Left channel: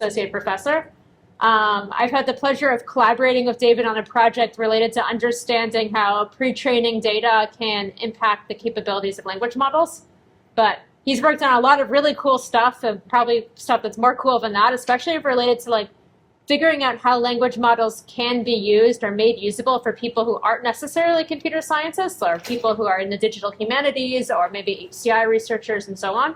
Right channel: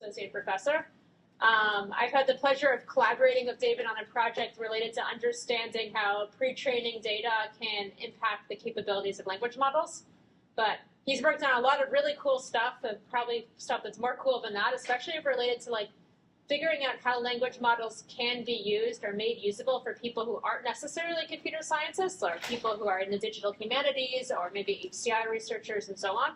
Associate Professor. I've had the pleasure of collaborating with David on a project related to understanding how pre-training data can impact the capabilities of language models. But he's worked on a lot of really cool stuff, and probably stuff that's more cool than that, especially related to like figuring out how language models can be used or made usable for people who aren't necessarily computer scientists, or people who are in the digital humanities, or maybe HCI researchers and so on.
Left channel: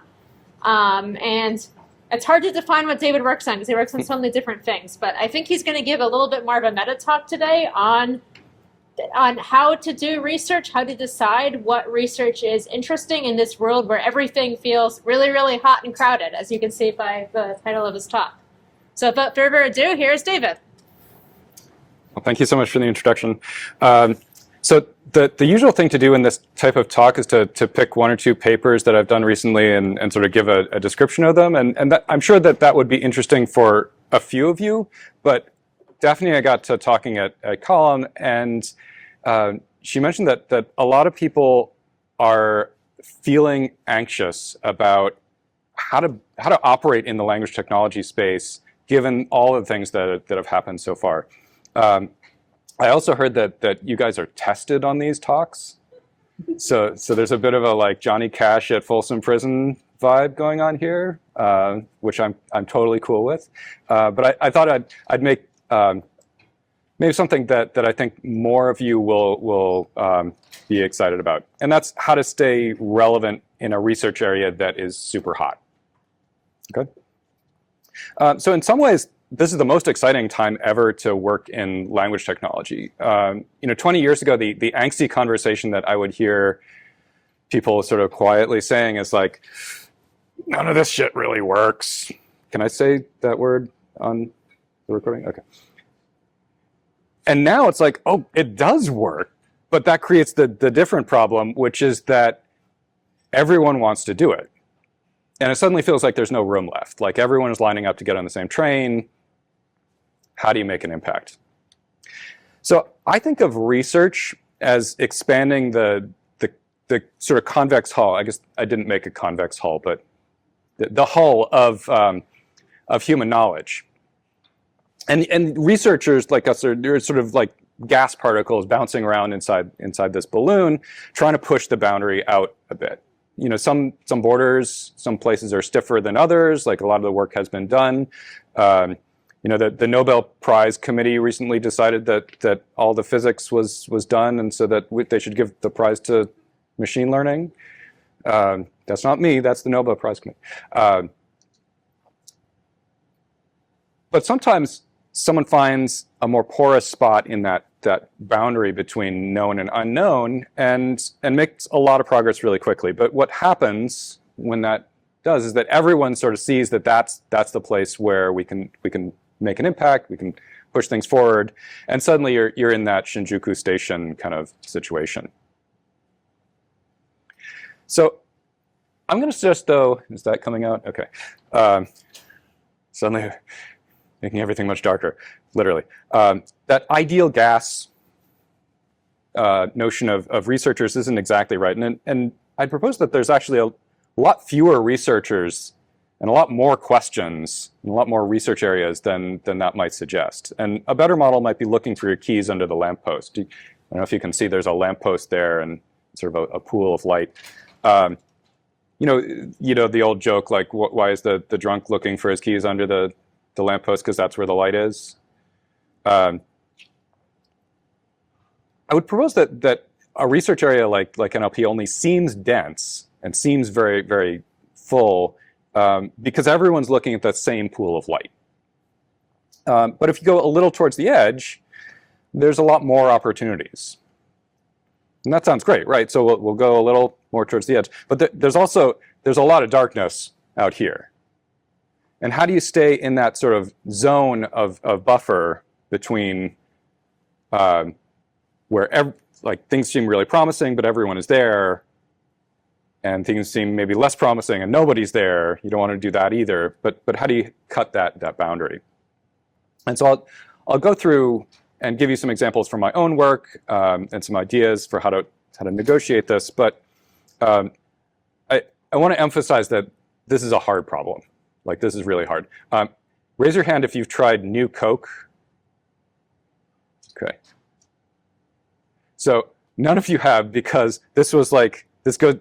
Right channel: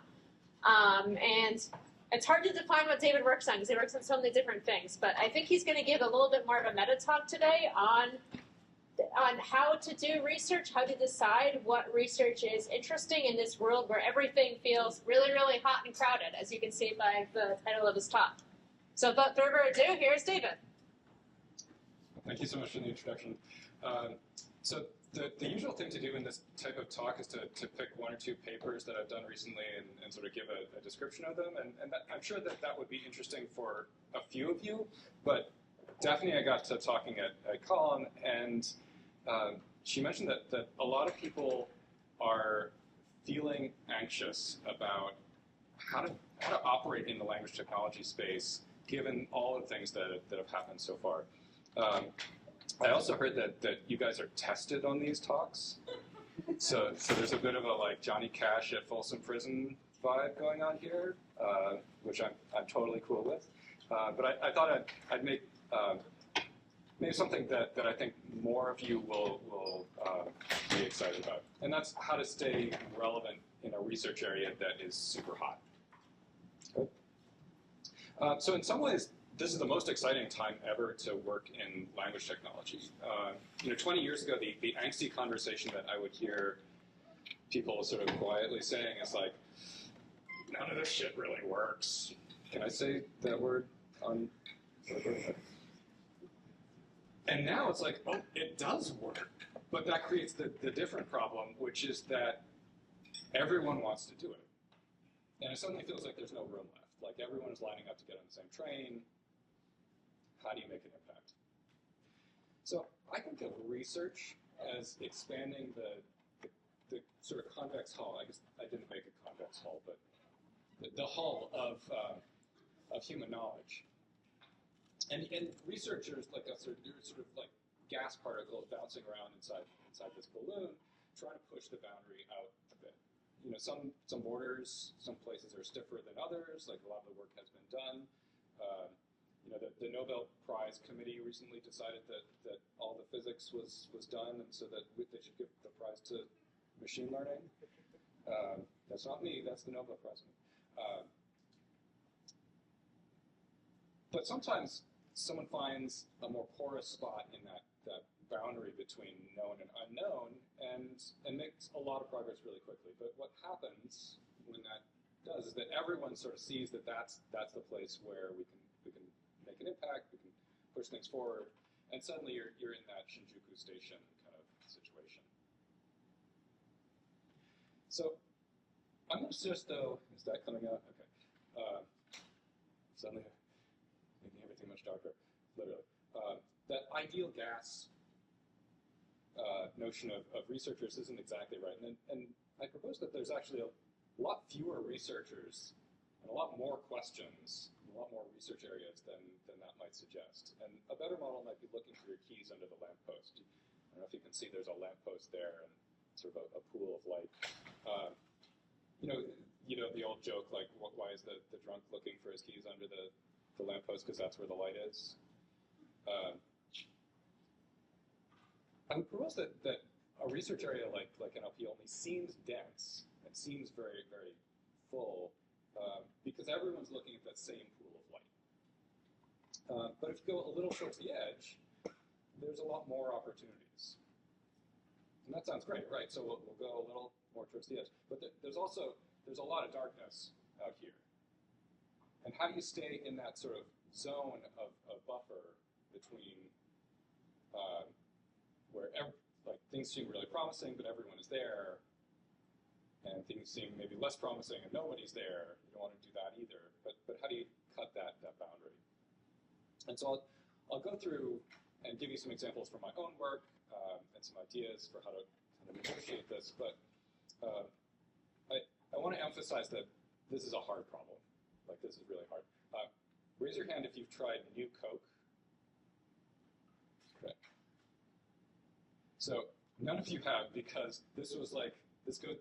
And it's hard to define what David works on because he works on so many different things. But I think he's going to give a little bit more of a meta talk today on how to do research, how to decide what research is interesting in this world where everything feels really, really hot and crowded, as you can see by the title of his talk. So without further ado, here's David. Well, thank you so much for the introduction. So the usual thing to do in this type of talk is to pick one or two papers that I've done recently and sort of give a description of them. And that, I'm sure that would be interesting for a few of you. But Daphne, I got to talking at Colloquium, and she mentioned that a lot of people are feeling anxious about how to operate in the language technology space, given all the things that have happened so far. I also heard that you guys are tested on these talks. So there's a bit of a like Johnny Cash at Folsom Prison vibe going on here, which I'm totally cool with. But I thought I'd make maybe something that I think more of you will be excited about. And that's how to stay relevant in a research area that is super hot. Okay. So in some ways, this is the most exciting time ever to work in language technology. 20 years ago, the angsty conversation that I would hear people sort of quietly saying is like, none of this shit really works. Can I say that word on the recording? Okay. And now it's like, oh, it does work. But that creates the different problem, which is that everyone wants to do it. And it suddenly feels like there's no room left. Like everyone is lining up to get on the same train. How do you make an impact? So I think of research as expanding the sort of convex hull. I guess I didn't make a convex hull, but the hull of human knowledge. And researchers like us are sort of like gas particles bouncing around inside this balloon, trying to push the boundary out a bit. Some borders, some places are stiffer than others. Like a lot of the work has been done. The Nobel Prize Committee recently decided that all the physics was done, and so that they should give the prize to machine learning. That's not me. That's the Nobel Prize Committee. But sometimes someone finds a more porous spot in that boundary between known and unknown, and makes a lot of progress really quickly. But what happens when that does is that everyone sort of sees that that's the place where we can make an impact, we can push things forward, and suddenly you're in that Shinjuku Station kind of situation. So I'm going to suggest, though, is that coming out? Okay. Suddenly making everything much darker, literally. That ideal gas notion of researchers isn't exactly right. And I'd propose that there's actually a lot fewer researchers and a lot more questions and a lot more research areas than that might suggest. And a better model might be looking for your keys under the lamppost. I don't know if you can see there's a lamppost there and sort of a pool of light. The old joke, like, why is the drunk looking for his keys under the lamppost? Because that's where the light is. I would propose that a research area like NLP only seems dense and seems very, very full because everyone's looking at that same pool of light. But if you go a little towards the edge, there's a lot more opportunities. And that sounds great, right? So we'll go a little more towards the edge. But there's a lot of darkness out here. And how do you stay in that sort of zone of buffer between where things seem really promising, but everyone is there, and things seem maybe less promising and nobody's there? You don't want to do that either. But how do you cut that boundary? And so I'll go through and give you some examples from my own work and some ideas for how to negotiate this. But I want to emphasize that this is a hard problem. Like, this is really hard. Raise your hand if you've tried New Coke. Okay. So none of you have, because this was like,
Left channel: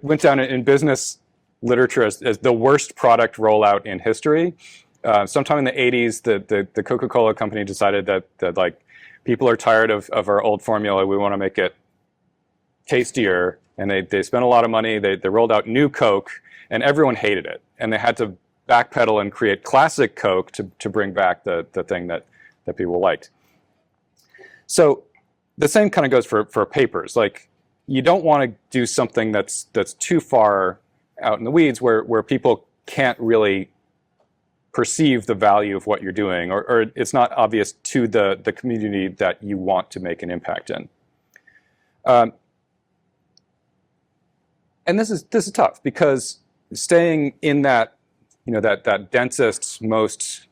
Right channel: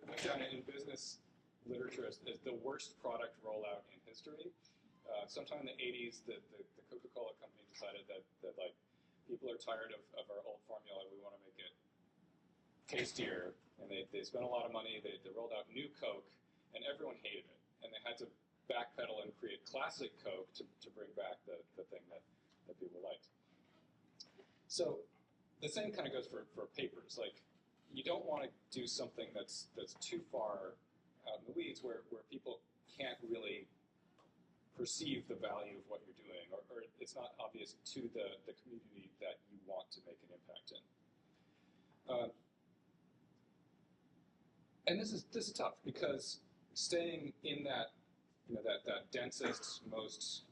went down in business literature as the worst product rollout in history. Sometime in the 80s, the Coca-Cola company decided that like people are tired of our old formula. We want to make it tastier, and they spent a lot of money. They rolled out New Coke, and everyone hated it, and they had to backpedal and create classic Coke to bring back the thing that people liked. So the same kind of goes for papers. Like, you don't want to do something that's too far out in the weeds where people can't really perceive the value of what you're doing, or it's not obvious to the community that you want to make an impact in. And this is tough, because staying in that, that densest, most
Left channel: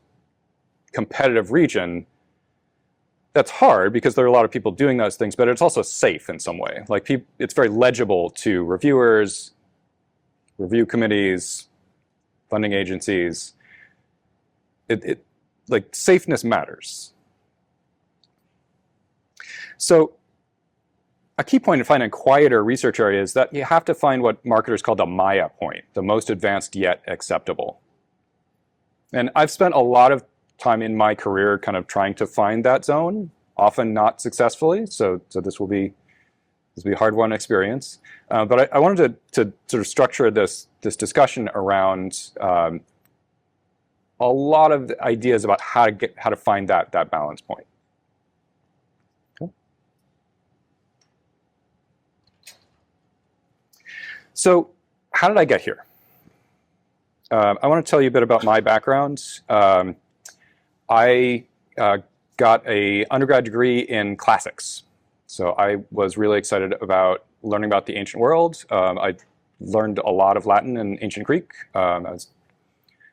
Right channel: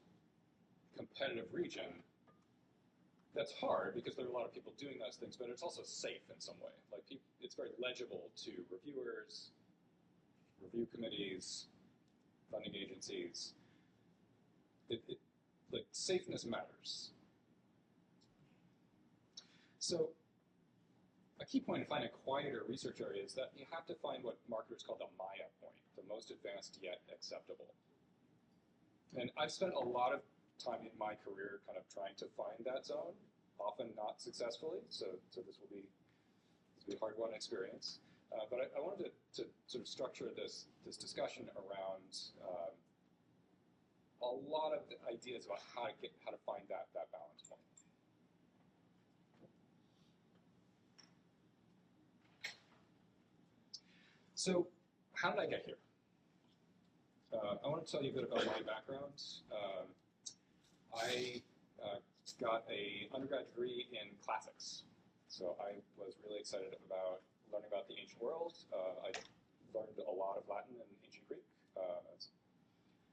competitive region, that's hard because there are a lot of people doing those things, but it's also safe in some way. Like, it's very legible to reviewers, review committees, funding agencies. Like, safeness matters. So a key point in finding a quieter research area is that you have to find what marketers call the Maya point, the most advanced yet acceptable. And I've spent a lot of time in my career kind of trying to find that zone, often not successfully. So this will be a hard-won experience. But I wanted to sort of structure this discussion around a lot of ideas about how to find that balance point. Okay. So how did I get here? I want to tell you a bit about my background. I got an undergrad degree in classics. So I was really excited about learning about the ancient world. I learned a lot of Latin and ancient Greek. I was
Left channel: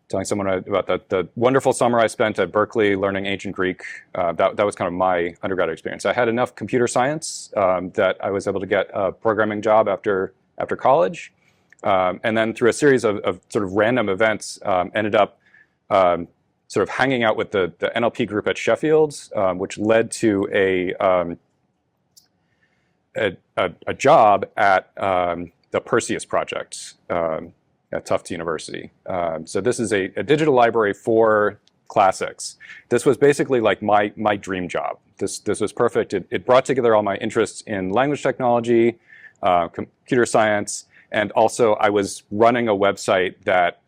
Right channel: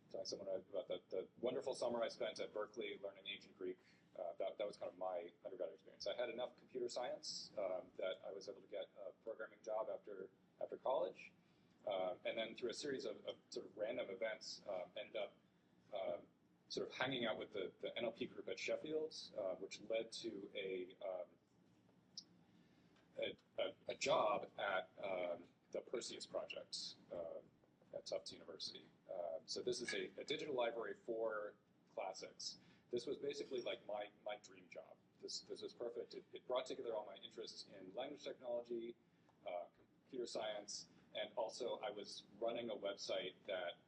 telling someone about the wonderful summer I spent at Berkeley learning ancient Greek. That was kind of my undergrad experience. I had enough computer science that I was able to get a programming job after college. And then through a series of sort of random events, ended up sort of hanging out with the NLP group at Sheffield, which led to a job at the Perseus project at Tufts University. So this is a digital library for classics. This was basically like my dream job. This was perfect. It brought together all my interests in language technology, computer science, and also I was running a website that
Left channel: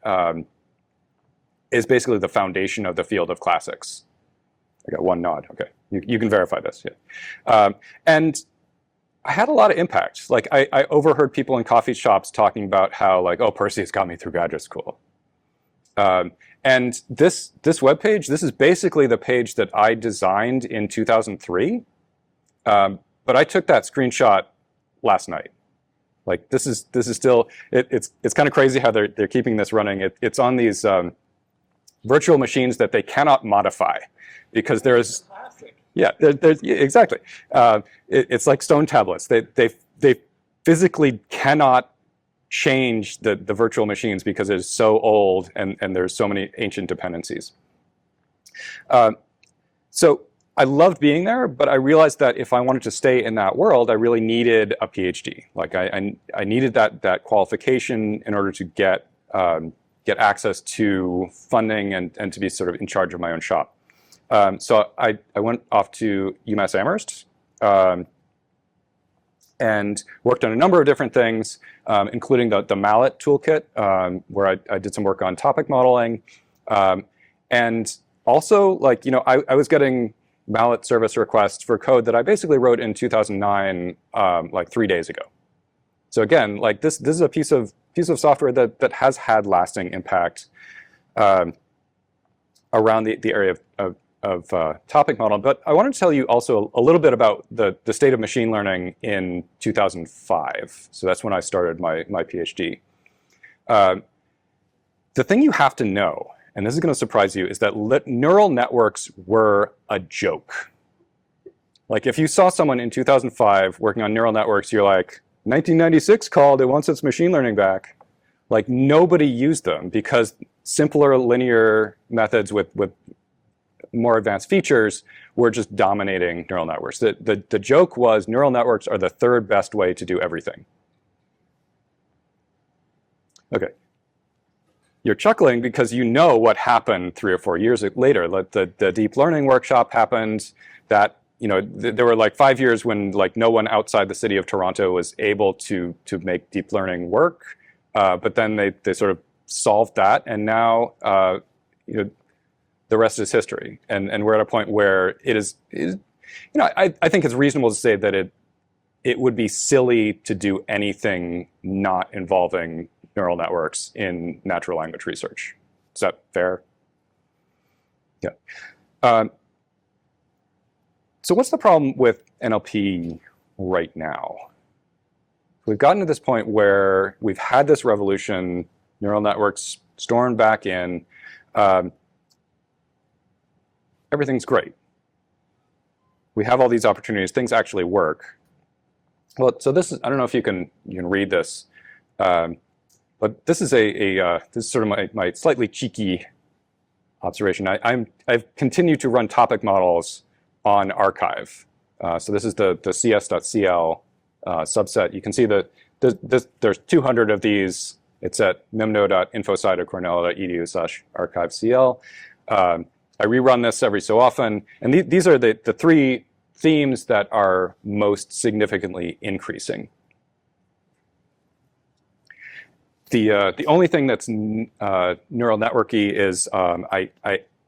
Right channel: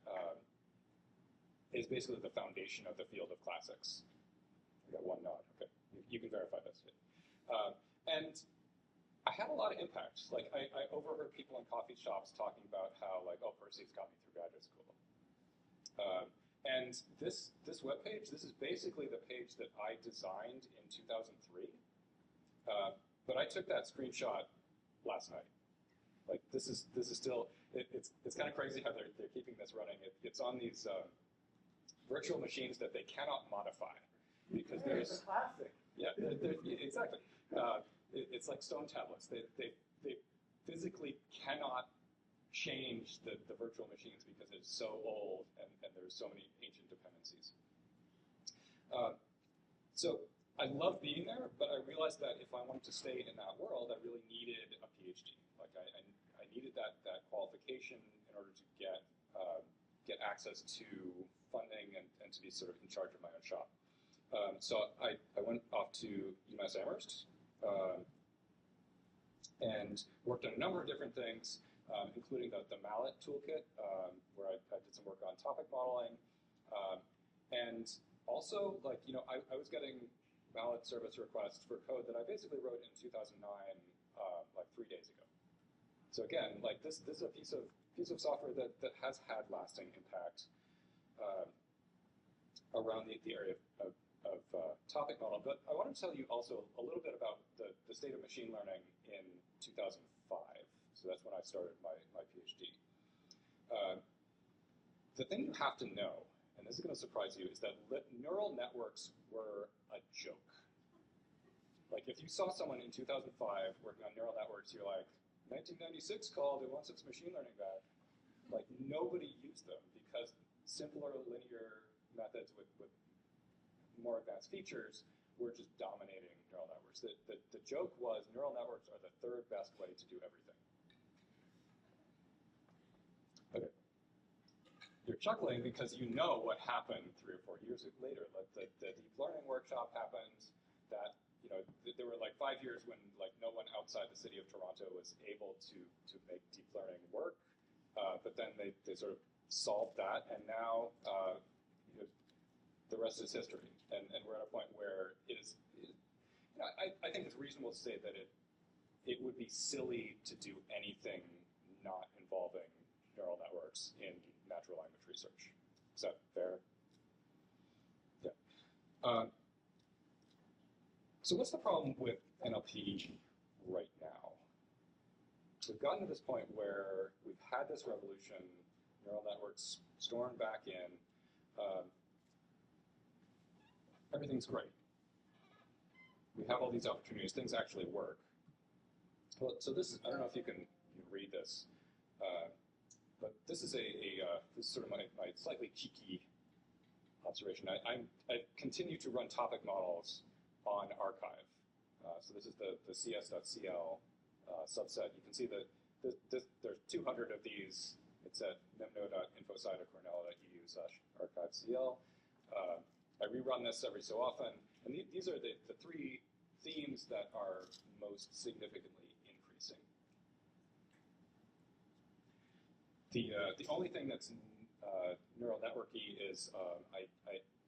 is basically the foundation of the field of classics. I got one nod. Okay, you can verify this. Yeah. And I had a lot of impact. Like, I overheard people in coffee shops talking about how, like, oh, Perseus got me through graduate school. And this webpage, this is basically the page that I designed in 2003. But I took that screenshot last night. Like, this is still, it's kind of crazy how they're keeping this running. It's on these virtual machines that they cannot modify, because there's, yeah, exactly. It's like stone tablets. They physically cannot change the virtual machines because it's so old and there's so many ancient dependencies. So I loved being there, but I realized that if I wanted to stay in that world, I really needed a PhD. Like, I needed that qualification in order to get access to funding and to be sort of in charge of my own shop. So I went off to UMass Amherst and worked on a number of different things, including the mallet toolkit, where I did some work on topic modeling. And also, like, I was getting mallet service requests for code that I basically wrote in 2009, like 3 days ago. So again, like, this is a piece of software that has had lasting impact around the area of topic model. But I wanted to tell you also a little bit about the state of machine learning in 2005. So that's when I started my PhD. The thing you have to know, and this is going to surprise you, is that neural networks were a joke. Like, if you saw someone in 2005 working on neural networks, you're like, 1996 called, it wants its machine learning back. Like, nobody used them because simpler linear methods with more advanced features were just dominating neural networks. The joke was neural networks are the third best way to do everything. Okay. You're chuckling because you know what happened 3 or 4 years later. Like the deep learning workshop happened. That there were like 5 years when like no one outside the city of Toronto was able to make deep learning work. But then they sort of solved that, and now the rest is history. And we're at a point where it is I think it's reasonable to say that it would be silly to do anything not involving neural networks in natural language research. Is that fair? Yeah. So what's the problem with NLP right now? So we've gotten to this point where we've had this revolution, neural networks stormed back in. Everything's great. We have all these opportunities. Things actually work. Well, so this is, I don't know if you can read this, but this is this is sort of my slightly cheeky observation. I've continued to run topic models on archive. So this is the cs.cl subset. You can see that there's 200 of these. It's at mimno.infosite.cornell.edu/archivecl. I rerun this every so often, and these are the 3 themes that are most significantly increasing. The only thing that's neural networky is I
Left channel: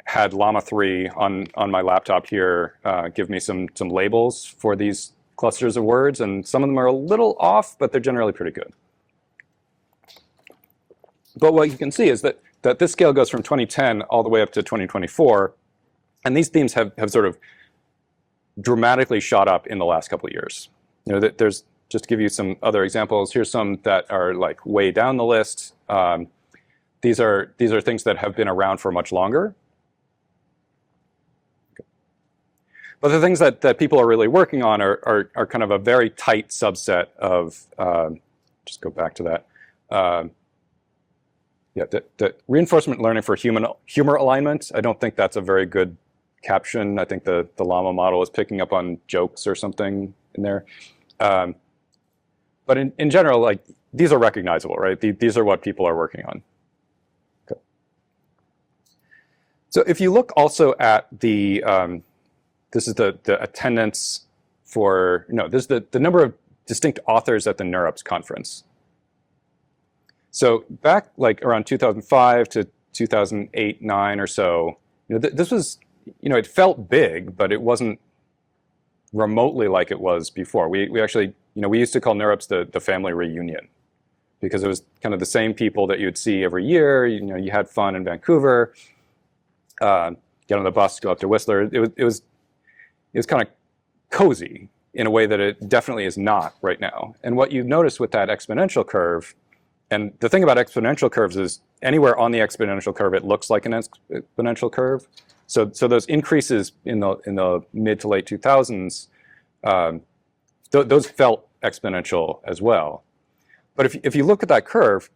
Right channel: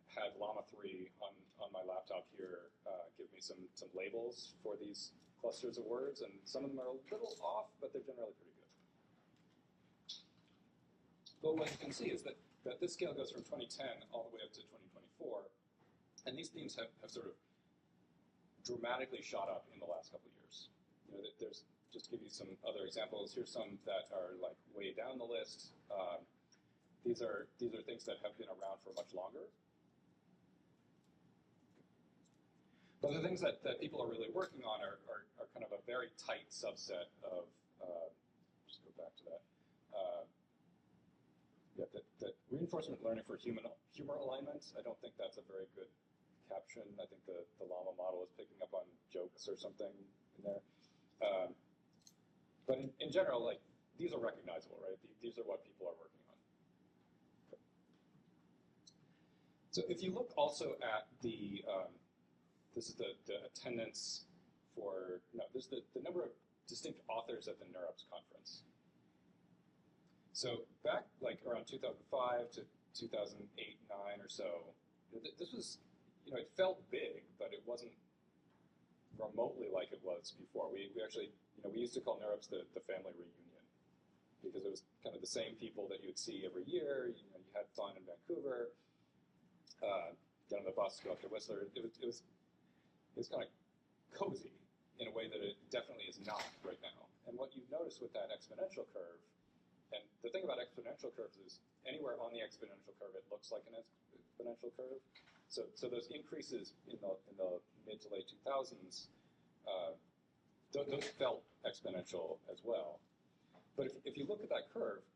had Llama 3 on my laptop here give me some labels for these clusters of words, and some of them are a little off, but they're generally pretty good. But what you can see is that this scale goes from 2010 all the way up to 2024, and these themes have sort of dramatically shot up in the last couple of years. There's, just to give you some other examples, here's some that are like way down the list. These are things that have been around for much longer. But the things that people are really working on are kind of a very tight subset of, just go back to that. Yeah, the reinforcement learning for humor alignment. I don't think that's a very good caption. I think the Llama model is picking up on jokes or something in there. But in general, like, these are recognizable, right? These are what people are working on. Okay. So if you look also at the, this is the attendance for, this is the number of distinct authors at the NeurIPS conference. So back like around 2005 to 2008, 9 or so, this was, it felt big, but it wasn't remotely like it was before. We actually, we used to call NeurIPS the family reunion, because it was kind of the same people that you'd see every year. You had fun in Vancouver, get on the bus, go up to Whistler. It was kind of cozy in a way that it definitely is not right now. And what you notice with that exponential curve, and the thing about exponential curves is anywhere on the exponential curve, it looks like an exponential curve. So those increases in the mid to late 2000s, those felt exponential as well. But if you look at that curve,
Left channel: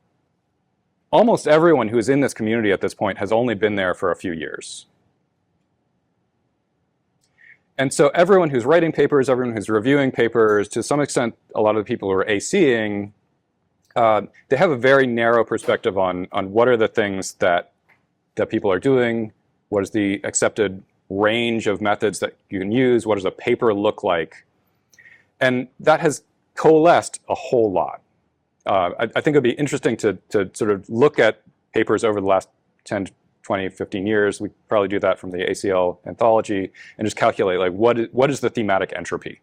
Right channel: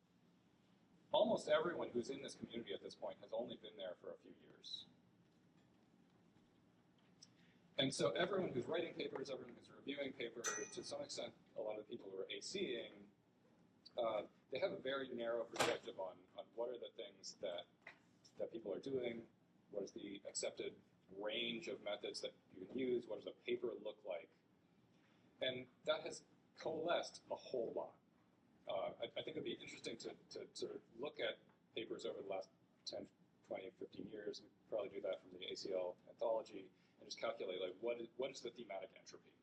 almost everyone who's in this community at this point has only been there for a few years. And so everyone who's writing papers, everyone who's reviewing papers, to some extent, a lot of the people who are ACing, they have a very narrow perspective on what are the things that people are doing, what is the accepted range of methods that you can use, what does a paper look like, and that has coalesced a whole lot. I think it'd be interesting to sort of look at papers over the last 10, 20, 15 years. We probably do that from the ACL anthology and just calculate like what is the thematic entropy.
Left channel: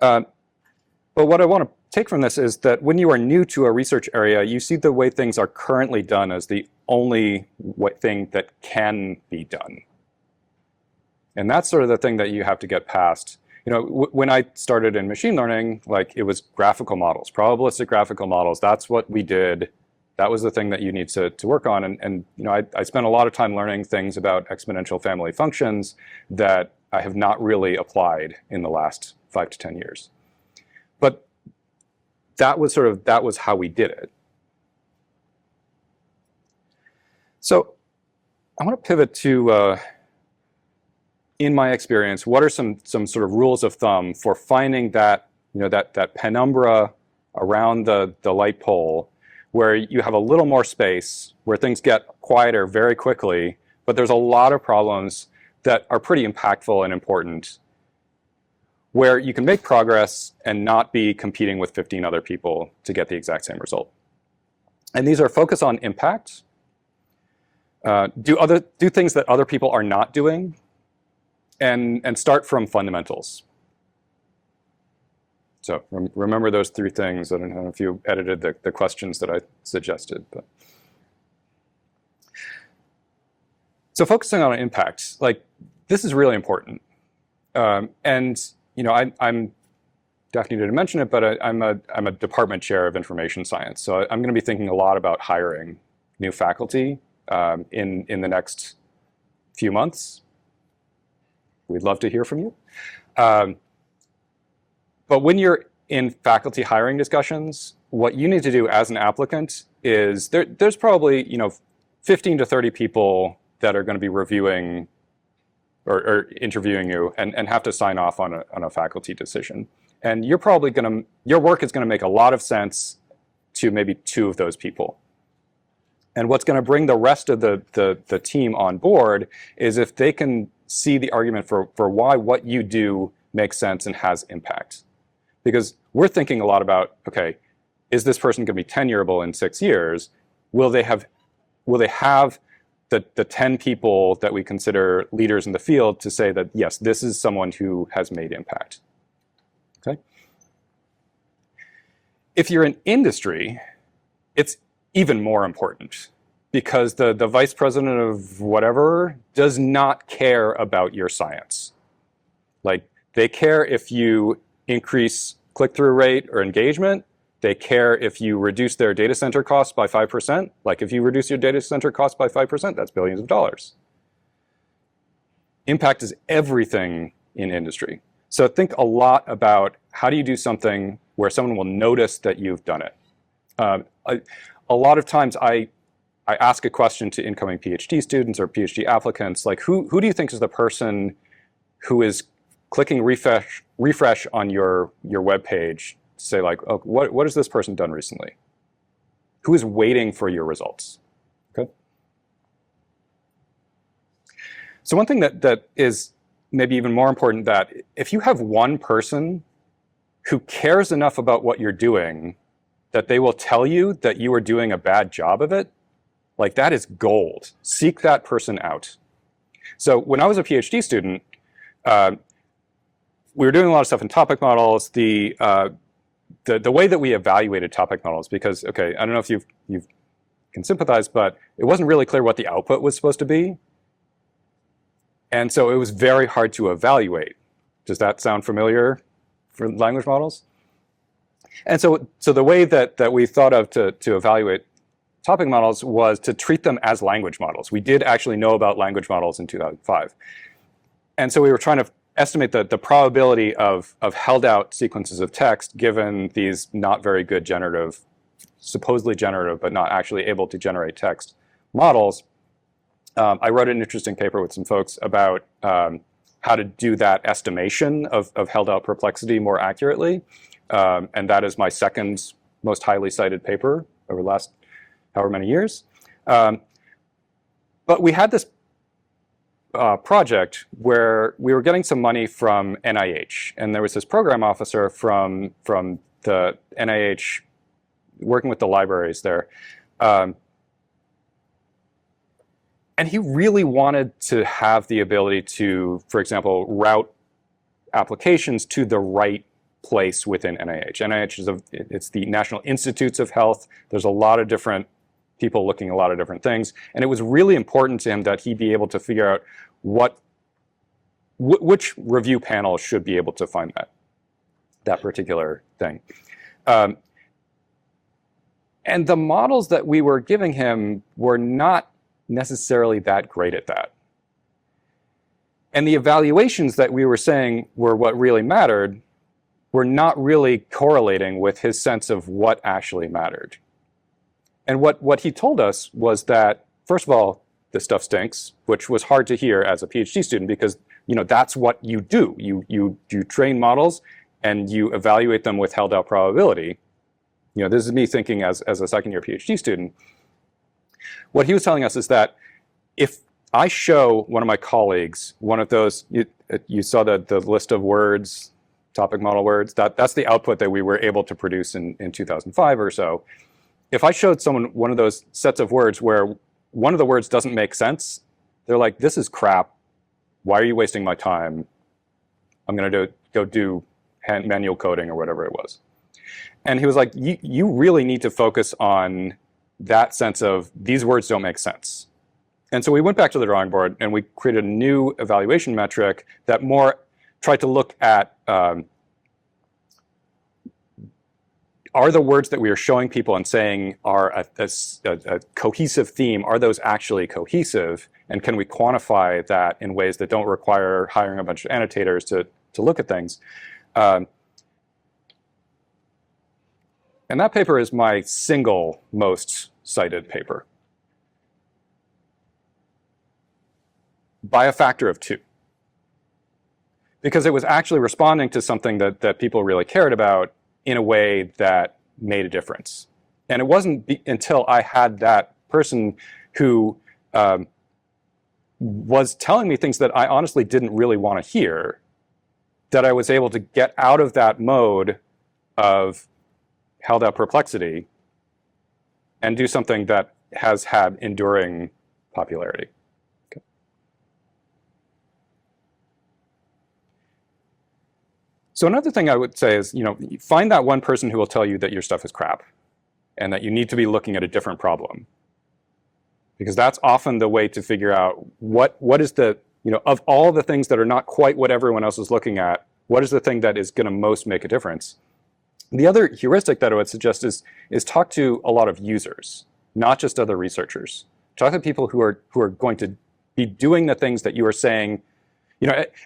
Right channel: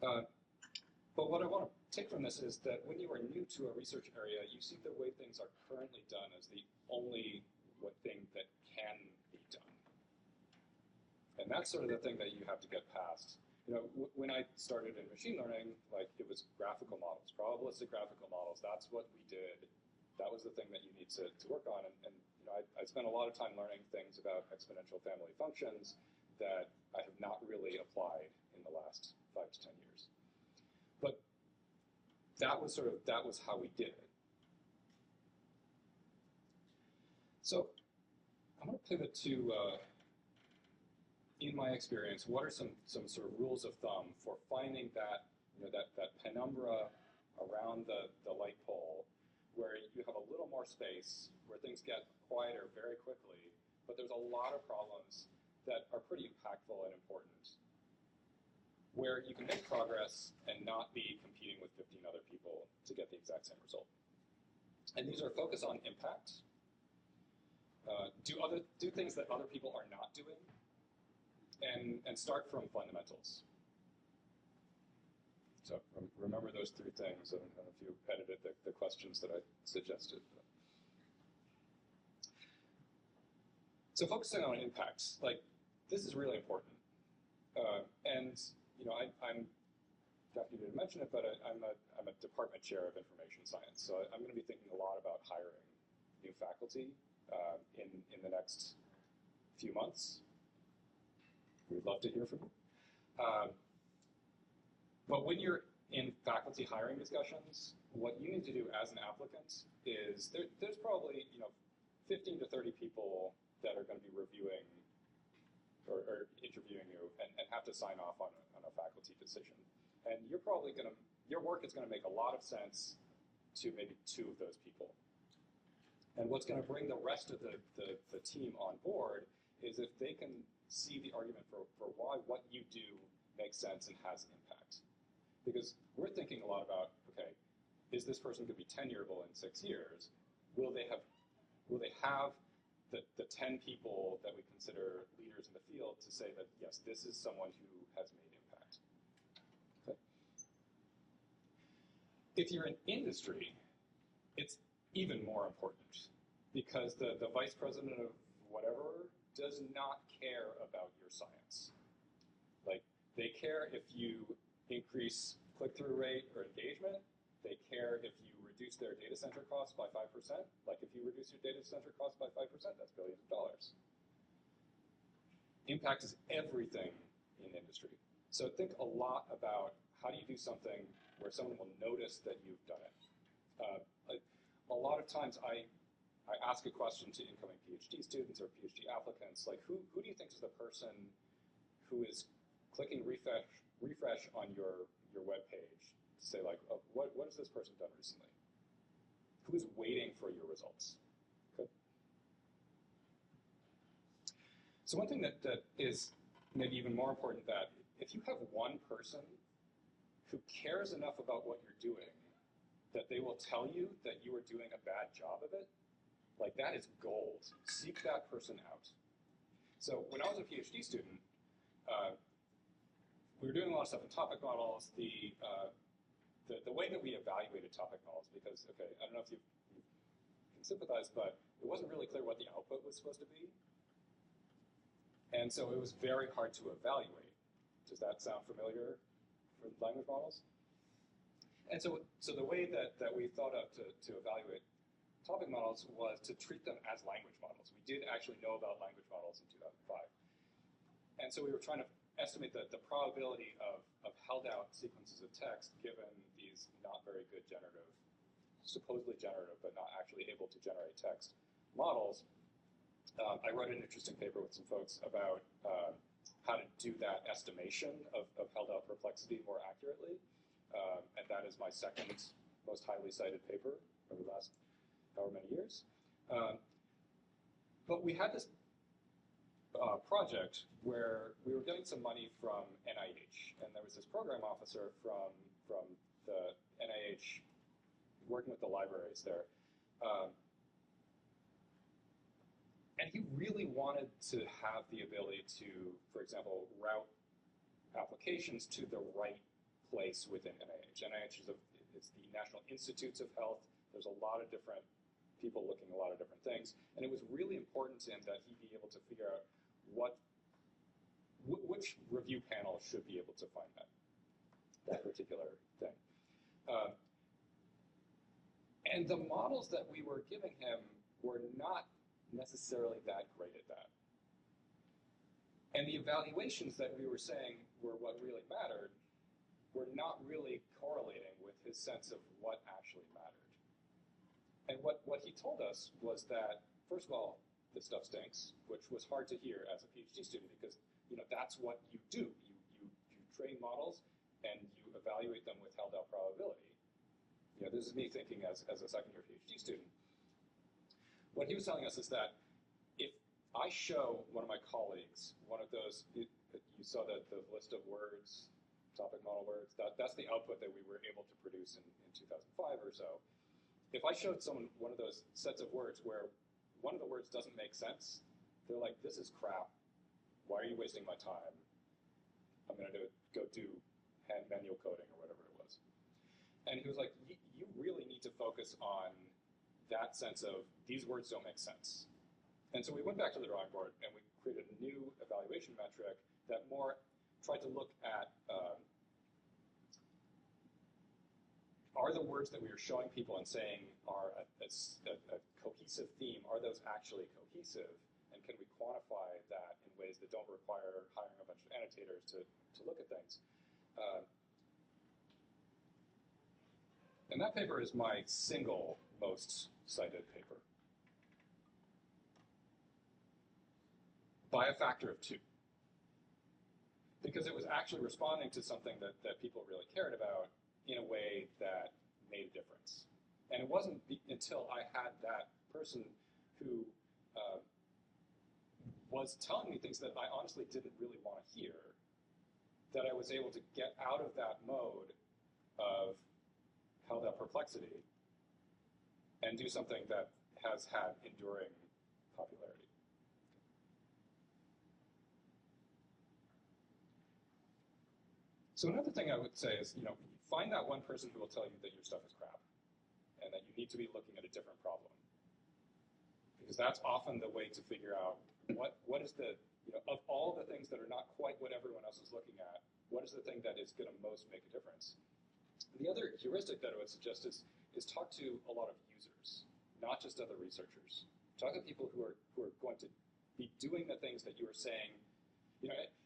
But what I want to take from this is that when you are new to a research area, you see the way things are currently done as the only thing that can be done. And that's sort of the thing that you have to get past. When I started in machine learning, like, it was graphical models, probabilistic graphical models. That's what we did. That was the thing that you need to work on. And I spent a lot of time learning things about exponential family functions that I have not really applied in the last 5 to 10 years. But that was how we did it. So I want to pivot to, in my experience, what are some sort of rules of thumb for finding that, that penumbra around the light pole where you have a little more space, where things get quieter very quickly, but there's a lot of problems that are pretty impactful and important, where you can make progress and not be competing with 15 other people to get the exact same result. And these are focus on impact, do things that other people are not doing, and start from fundamentals. So remember those three things. I don't know if you edited the questions that I suggested. But. So focusing on impact, this is really important. And I'm Daphne didn't mention it, but I'm a department chair of information science. So I'm going to be thinking a lot about hiring new faculty in the next few months. We'd love to hear from you. But when you're in faculty hiring discussions, what you need to do as an applicant is there's probably 15 to 30 people that are going to be reviewing or interviewing you and have to sign off on a faculty decision. And you're probably your work is going to make a lot of sense to maybe 2 of those people. And what's going to bring the rest of the team on board is if they can see the argument for why what you do makes sense and has impact. Because we're thinking a lot about, okay, is this person going to be tenurable in 6 years? Will they have the 10 people that we consider leaders in the field to say that, yes, this is someone who has made impact? Okay. If you're in industry, it's even more important, because the vice president of whatever does not care about your science. They care if you increase click-through rate or engagement. They care if you reduce their data center costs by 5%. If you reduce your data center costs by 5%, that's billions of dollars. Impact is everything in industry. So think a lot about how do you do something where someone will notice that you've done it. A lot of times I ask a question to incoming PhD students or PhD applicants, who do you think is the person who is clicking refresh on your web page to say oh, what has this person done recently? Who is waiting for your results? Okay. So one thing that is maybe even more important, that if you have one person who cares enough about what you're doing that they will tell you that you are doing a bad job of it, that is gold. Seek that person out. So when I was a PhD student, we were doing a lot of stuff in topic models. The way that we evaluated topic models, because, okay, I don't know if you can sympathize, but it wasn't really clear what the output was supposed to be. And so it was very hard to evaluate. Does that sound familiar for language models? And so the way that we thought of to evaluate topic models was to treat them as language models. We did actually know about language models in 2005. And so we were trying to estimate the probability of held out sequences of text given these not very good supposedly generative, but not actually able to generate text models. I wrote an interesting paper with some folks about how to do that estimation of held out perplexity more accurately. And that is my second most highly cited paper over the last however many years. But we had this project where we were getting some money from NIH, and there was this program officer from the NIH working with the libraries there. And he really wanted to have the ability to, for example, route applications to the right place within NIH. NIH it's the National Institutes of Health. There's a lot of different people looking at a lot of different things. And it was really important to him that he be able to figure out which review panel should be able to find that particular thing. And the models that we were giving him were not necessarily that great at that. And the evaluations that we were saying were what really mattered were not really correlating with his sense of what actually mattered. And what he told us was that, first of all, this stuff stinks, which was hard to hear as a PhD student because that's what you do. You train models and you evaluate them with held out probability. This is me thinking as a second year PhD student. What he was telling us is that if I show one of my colleagues one of those, you saw the list of words, topic model words, that's the output that we were able to produce in 2005 or so. If I showed someone one of those sets of words where one of the words doesn't make sense, they're like, this is crap. Why are you wasting my time? I'm going to go do manual coding or whatever it was. And he was like, you really need to focus on that sense of these words don't make sense. And so we went back to the drawing board and we created a new evaluation metric that more tried to look at are the words that we are showing people and saying are a cohesive theme, are those actually cohesive? And can we quantify that in ways that don't require hiring a bunch of annotators to look at things? And that paper is my single most cited paper by a factor of 2. Because it was actually responding to something that people really cared about in a way that made a difference. And it wasn't until I had that person who was telling me things that I honestly didn't really want to hear that I was able to get out of that mode of held out perplexity and do something that has had enduring popularity. So another thing I would say is, find that one person who will tell you that your stuff is crap and that you need to be looking at a different problem. Because that's often the way to figure out what is the, of all the things that are not quite what everyone else is looking at, what is the thing that is going to most make a difference? The other heuristic that I would suggest is talk to a lot of users, not just other researchers. Talk to people who are going to be doing the things that you are saying.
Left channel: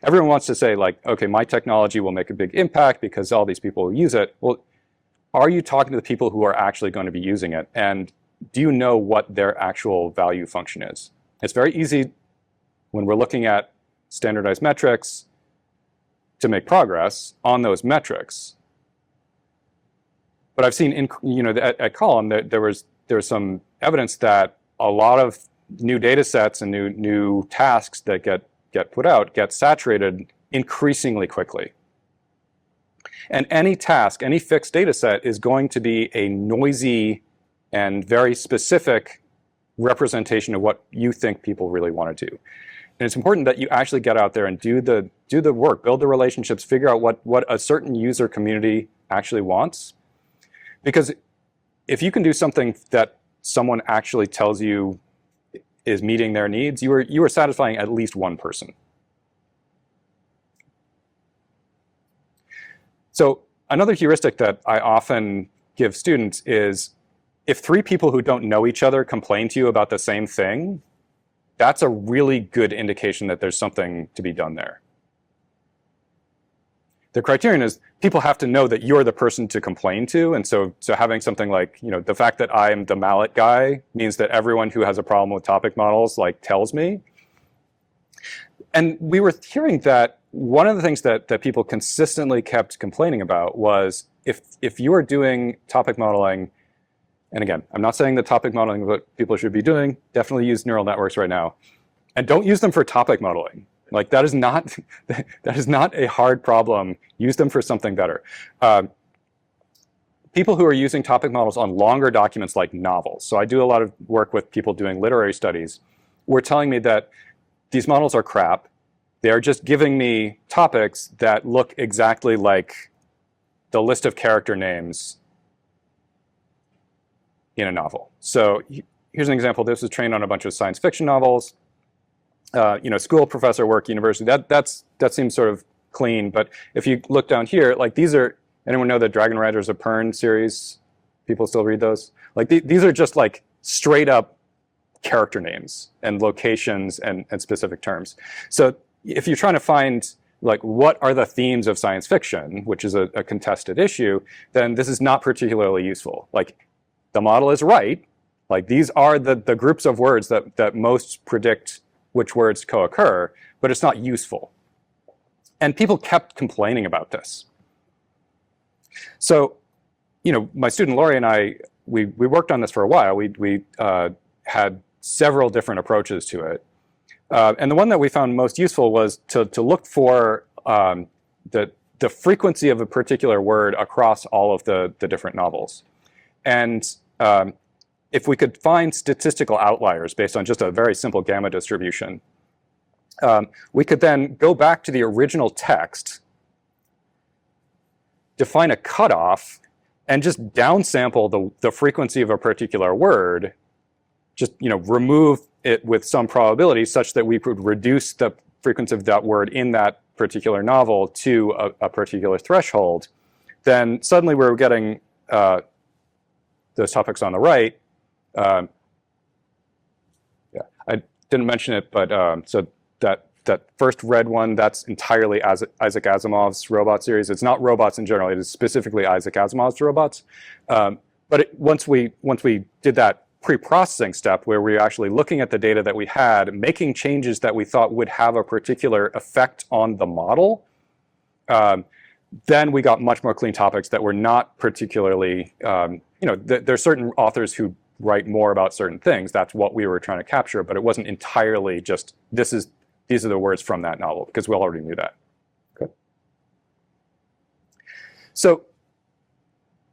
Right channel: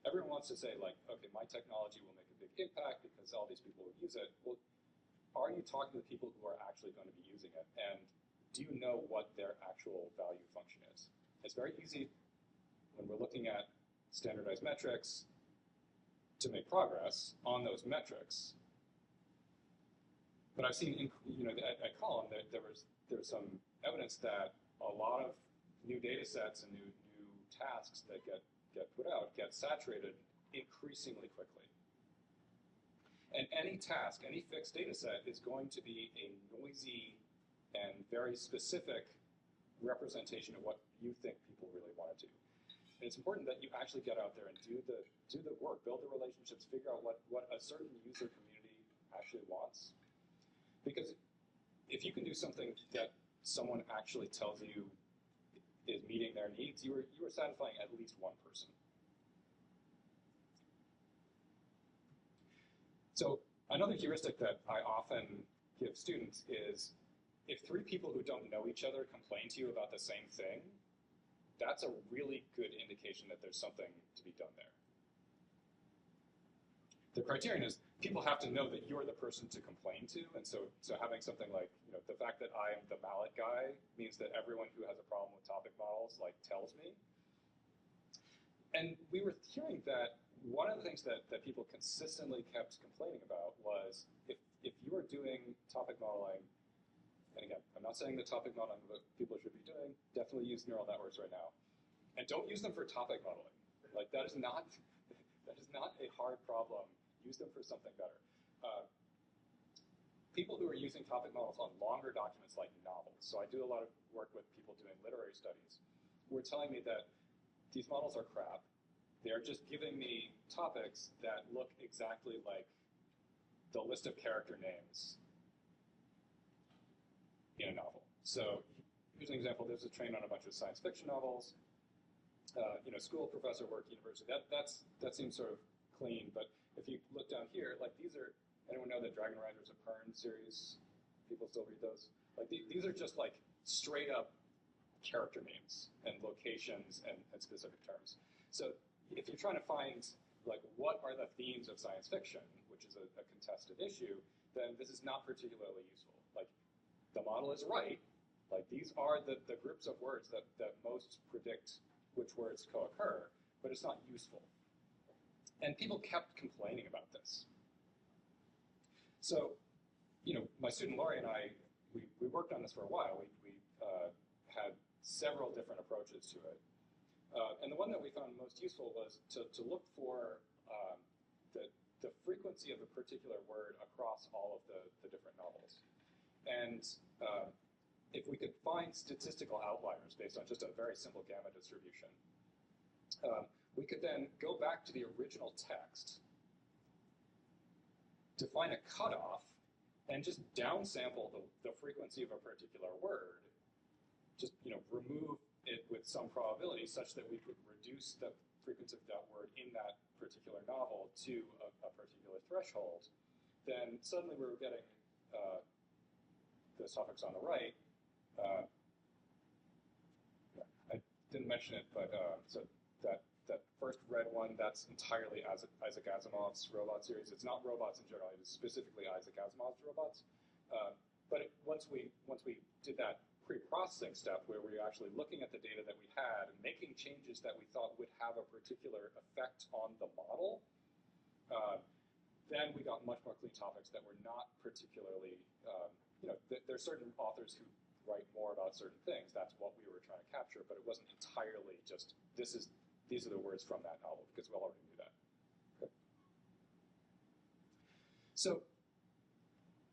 Everyone wants to say like, okay, my technology will make a big impact because all these people will use it. Well, are you talking to the people who are actually going to be using it? And do you know what their actual value function is? It's very easy when we're looking at standardized metrics to make progress on those metrics. But I've seen at Colloquium there was some evidence that a lot of new data sets and new tasks that get put out get saturated increasingly quickly. And any task, any fixed data set is going to be a noisy and very specific representation of what you think people really want to do. And it's important that you actually get out there and do the work, build the relationships, figure out what a certain user community actually wants. Because if you can do something that someone actually tells you is meeting their needs, you are satisfying at least one person. So another heuristic that I often give students is if 3 people who don't know each other complain to you about the same thing, that's a really good indication that there's something to be done there. The criterion is people have to know that you're the person to complain to. And so having something like, the fact that I'm the mallet guy means that everyone who has a problem with topic models tells me. And we were hearing that one of the things that people consistently kept complaining about was if you are doing topic modeling, and again, I'm not saying that topic modeling is what people should be doing, definitely use neural networks right now. And don't use them for topic modeling. That is not a hard problem. Use them for something better. People who are using topic models on longer documents like novels. So I do a lot of work with people doing literary studies. Were telling me that these models are crap. They are just giving me topics that look exactly like the list of character names in a novel. So here's an example. This was trained on a bunch of science fiction novels. School professor work, university, that seems sort of clean. But if you look down here, these are, anyone know the Dragon Riders of Pern series? People still read those? These are just straight up character names and locations and specific terms. So if you're trying to find what are the themes of science fiction, which is a contested issue, then this is not particularly useful. The model is right, Like these are the groups of words that most predict which words co-occur, but it's not useful. And people kept complaining about this. So, you know, my student Laurie and I, we worked on this for a while. We had several different approaches to it. And the one that we found most useful was to look for the frequency of a particular word across all of the different novels. And if we could find statistical outliers based on just a very simple gamma distribution, we could then go back to the original text, define a cutoff, and just downsample the frequency of a particular word, just remove it with some probability such that we could reduce the frequency of that word in that particular novel to a particular threshold. Then suddenly we're getting those topics on the right. Yeah, I didn't mention it, but so that first red one, that's entirely Isaac Asimov's robot series. It's not robots in general, it is specifically Isaac Asimov's robots. But once we did that pre-processing step where we were actually looking at the data that we had, making changes that we thought would have a particular effect on the model, then we got much more clean topics that were not particularly, there's certain authors who write more about certain things. That's what we were trying to capture, but it wasn't entirely just these are the words from that novel, because we already knew that. Okay. So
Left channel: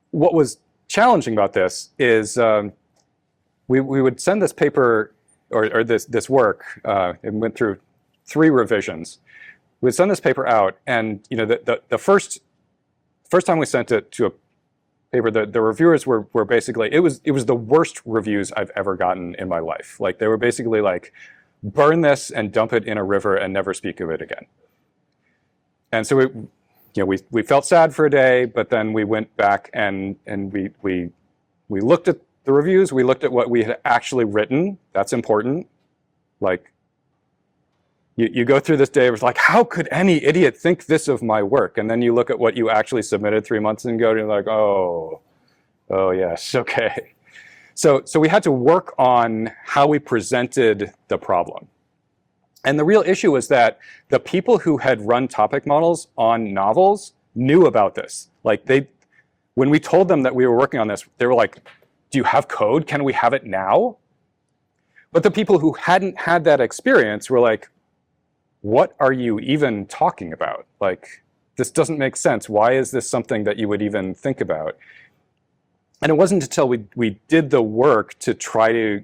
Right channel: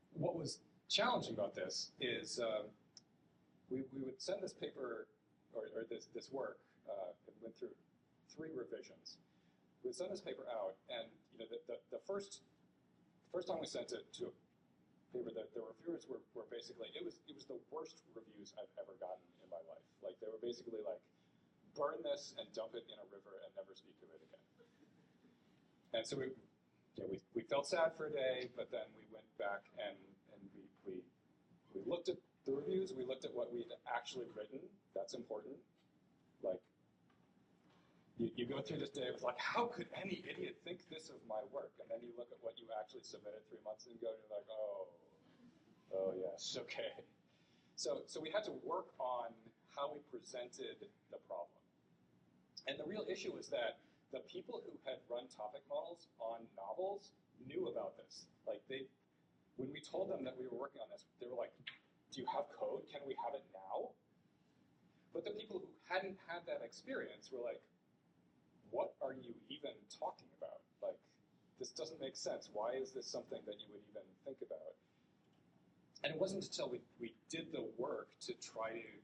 what was challenging about this is we would send this paper or this work, it went through 3 revisions. We'd send this paper out, and the first time we sent it to a paper, the reviewers were basically, it was the worst reviews I've ever gotten in my life. Like they were basically like, burn this and dump it in a river and never speak of it again. And so we felt sad for a day, but then we went back and we looked at the reviews, we looked at what we had actually written. That's important. Like you go through this day, it was like, how could any idiot think this of my work? And then you look at what you actually submitted 3 months ago, and you're like, oh yes, okay. So we had to work on how we presented the problem. And the real issue was that the people who had run topic models on novels knew about this. Like when we told them that we were working on this, they were like, do you have code? Can we have it now? But the people who hadn't had that experience were like, what are you even talking about? Like, this doesn't make sense. Why is this something that you would even think about? And it wasn't until we did the work to try to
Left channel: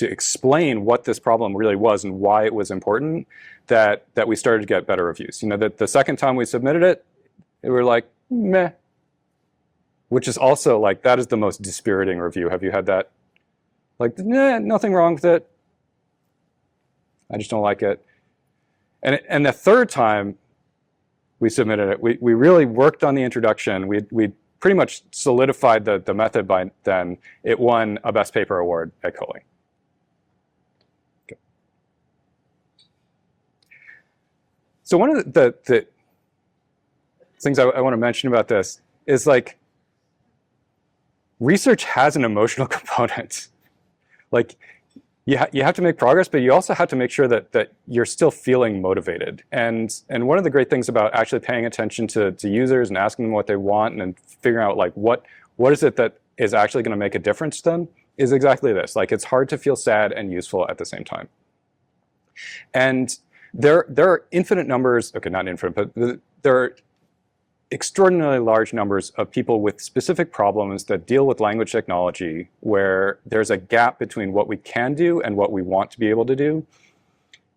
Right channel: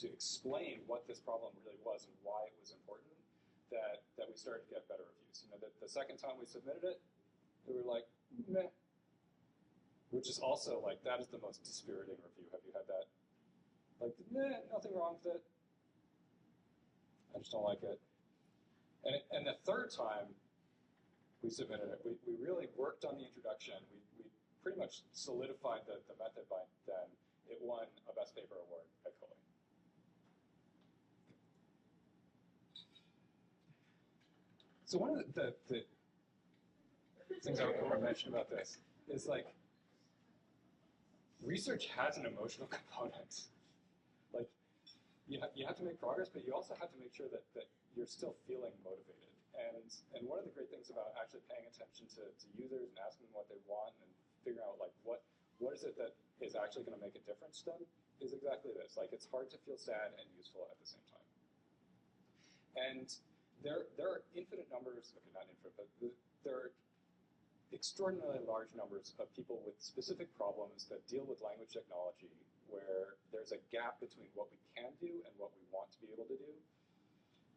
explain what this problem really was and why it was important that we started to get better reviews. The second time we submitted it, we were like, meh. Which is also like, that is the most dispiriting review. Have you had that? Like, nah, nothing wrong with it. I just don't like it. And the third time we submitted it, we really worked on the introduction. We pretty much solidified the method by then. It won a Best Paper award at Colloquium. Okay. So one of the things I want to mention about this is like, research has an emotional component. Like, you have to make progress, but you also have to make sure that you're still feeling motivated. And one of the great things about actually paying attention to users and asking them what they want and figuring out like what is it that is actually going to make a difference to them is exactly this. Like, it's hard to feel sad and useful at the same time. And there are infinite numbers, okay, not infinite, but there are extraordinarily large numbers of people with specific problems that deal with language technology where there's a gap between what we can do and what we want to be able to do.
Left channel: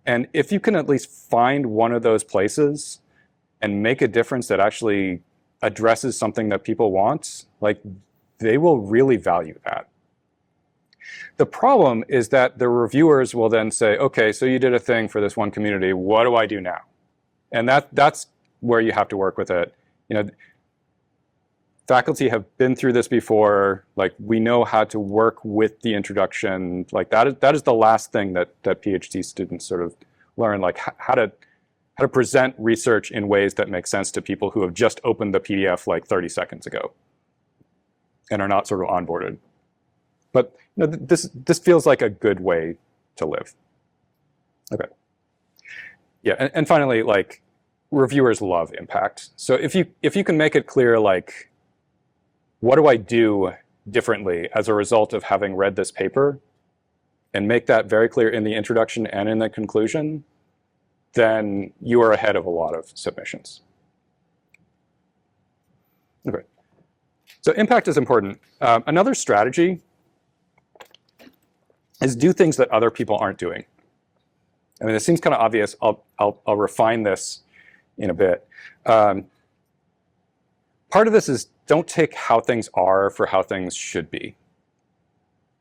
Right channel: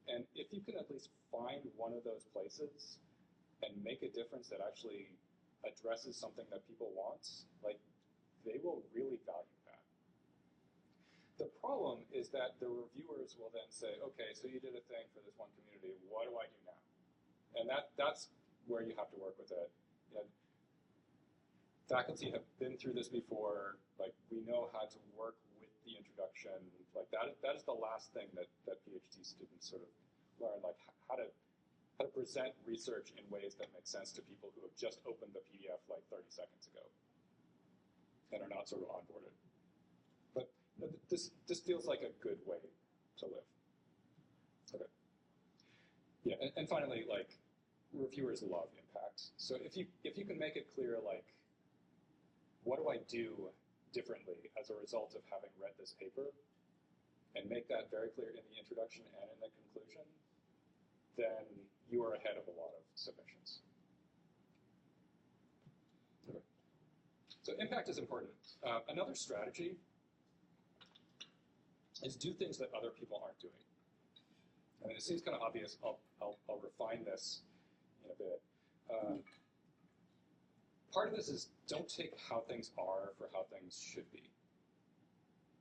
And if you can at least find one of those places and make a difference that actually addresses something that people want, like, they will really value that. The problem is that the reviewers will then say, okay, so you did a thing for this one community, what do I do now? And that's where you have to work with it. Faculty have been through this before. Like, we know how to work with the introduction. Like, that is the last thing that PhD students sort of learn, like how to present research in ways that make sense to people who have just opened the PDF like 30 seconds ago and are not sort of onboarded. But this feels like a good way to live. Okay. Yeah, and finally, like, reviewers love impact. So if you can make it clear, like, what do I do differently as a result of having read this paper, and make that very clear in the introduction and in the conclusion, then you are ahead of a lot of submissions. Okay. So impact is important. Another strategy is do things that other people aren't doing. I mean, it seems kind of obvious. I'll refine this in a bit. Part of this is don't take how things are for how things should be.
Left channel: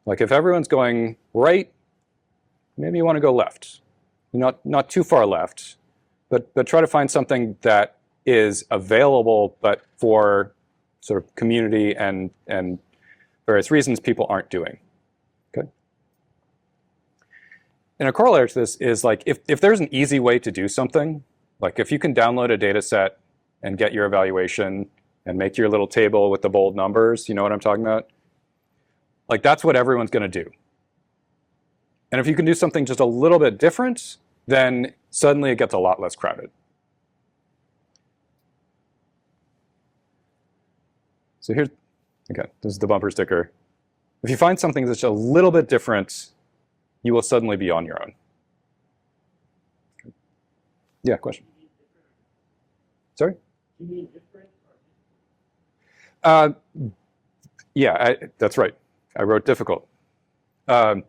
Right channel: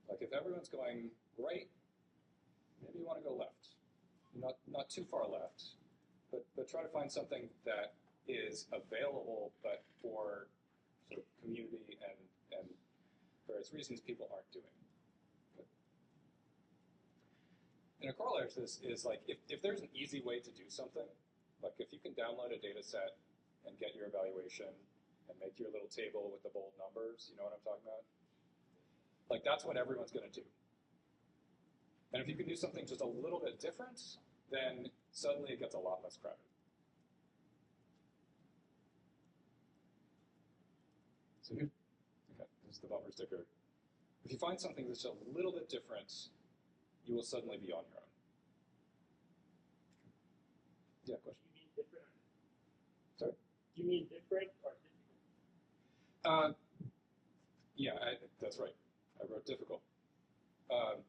Like if everyone's going right, maybe you want to go left. Not too far left, but try to find something that is available, but for sort of community and various reasons people aren't doing. Okay. And a corollary to this is like if there's an easy way to do something, like if you can download a data set and get your evaluation and make your little table with the bold numbers, you know what I'm talking about? Like that's what everyone's going to do. And if you can do something just a little bit different, then suddenly it gets a lot less crowded. So here's, okay, this is the bumper sticker. If you find something that's a little bit different, you will suddenly be on your own. Yeah, question. Sorry? You mean different or yeah, that's right. I wrote difficult. That's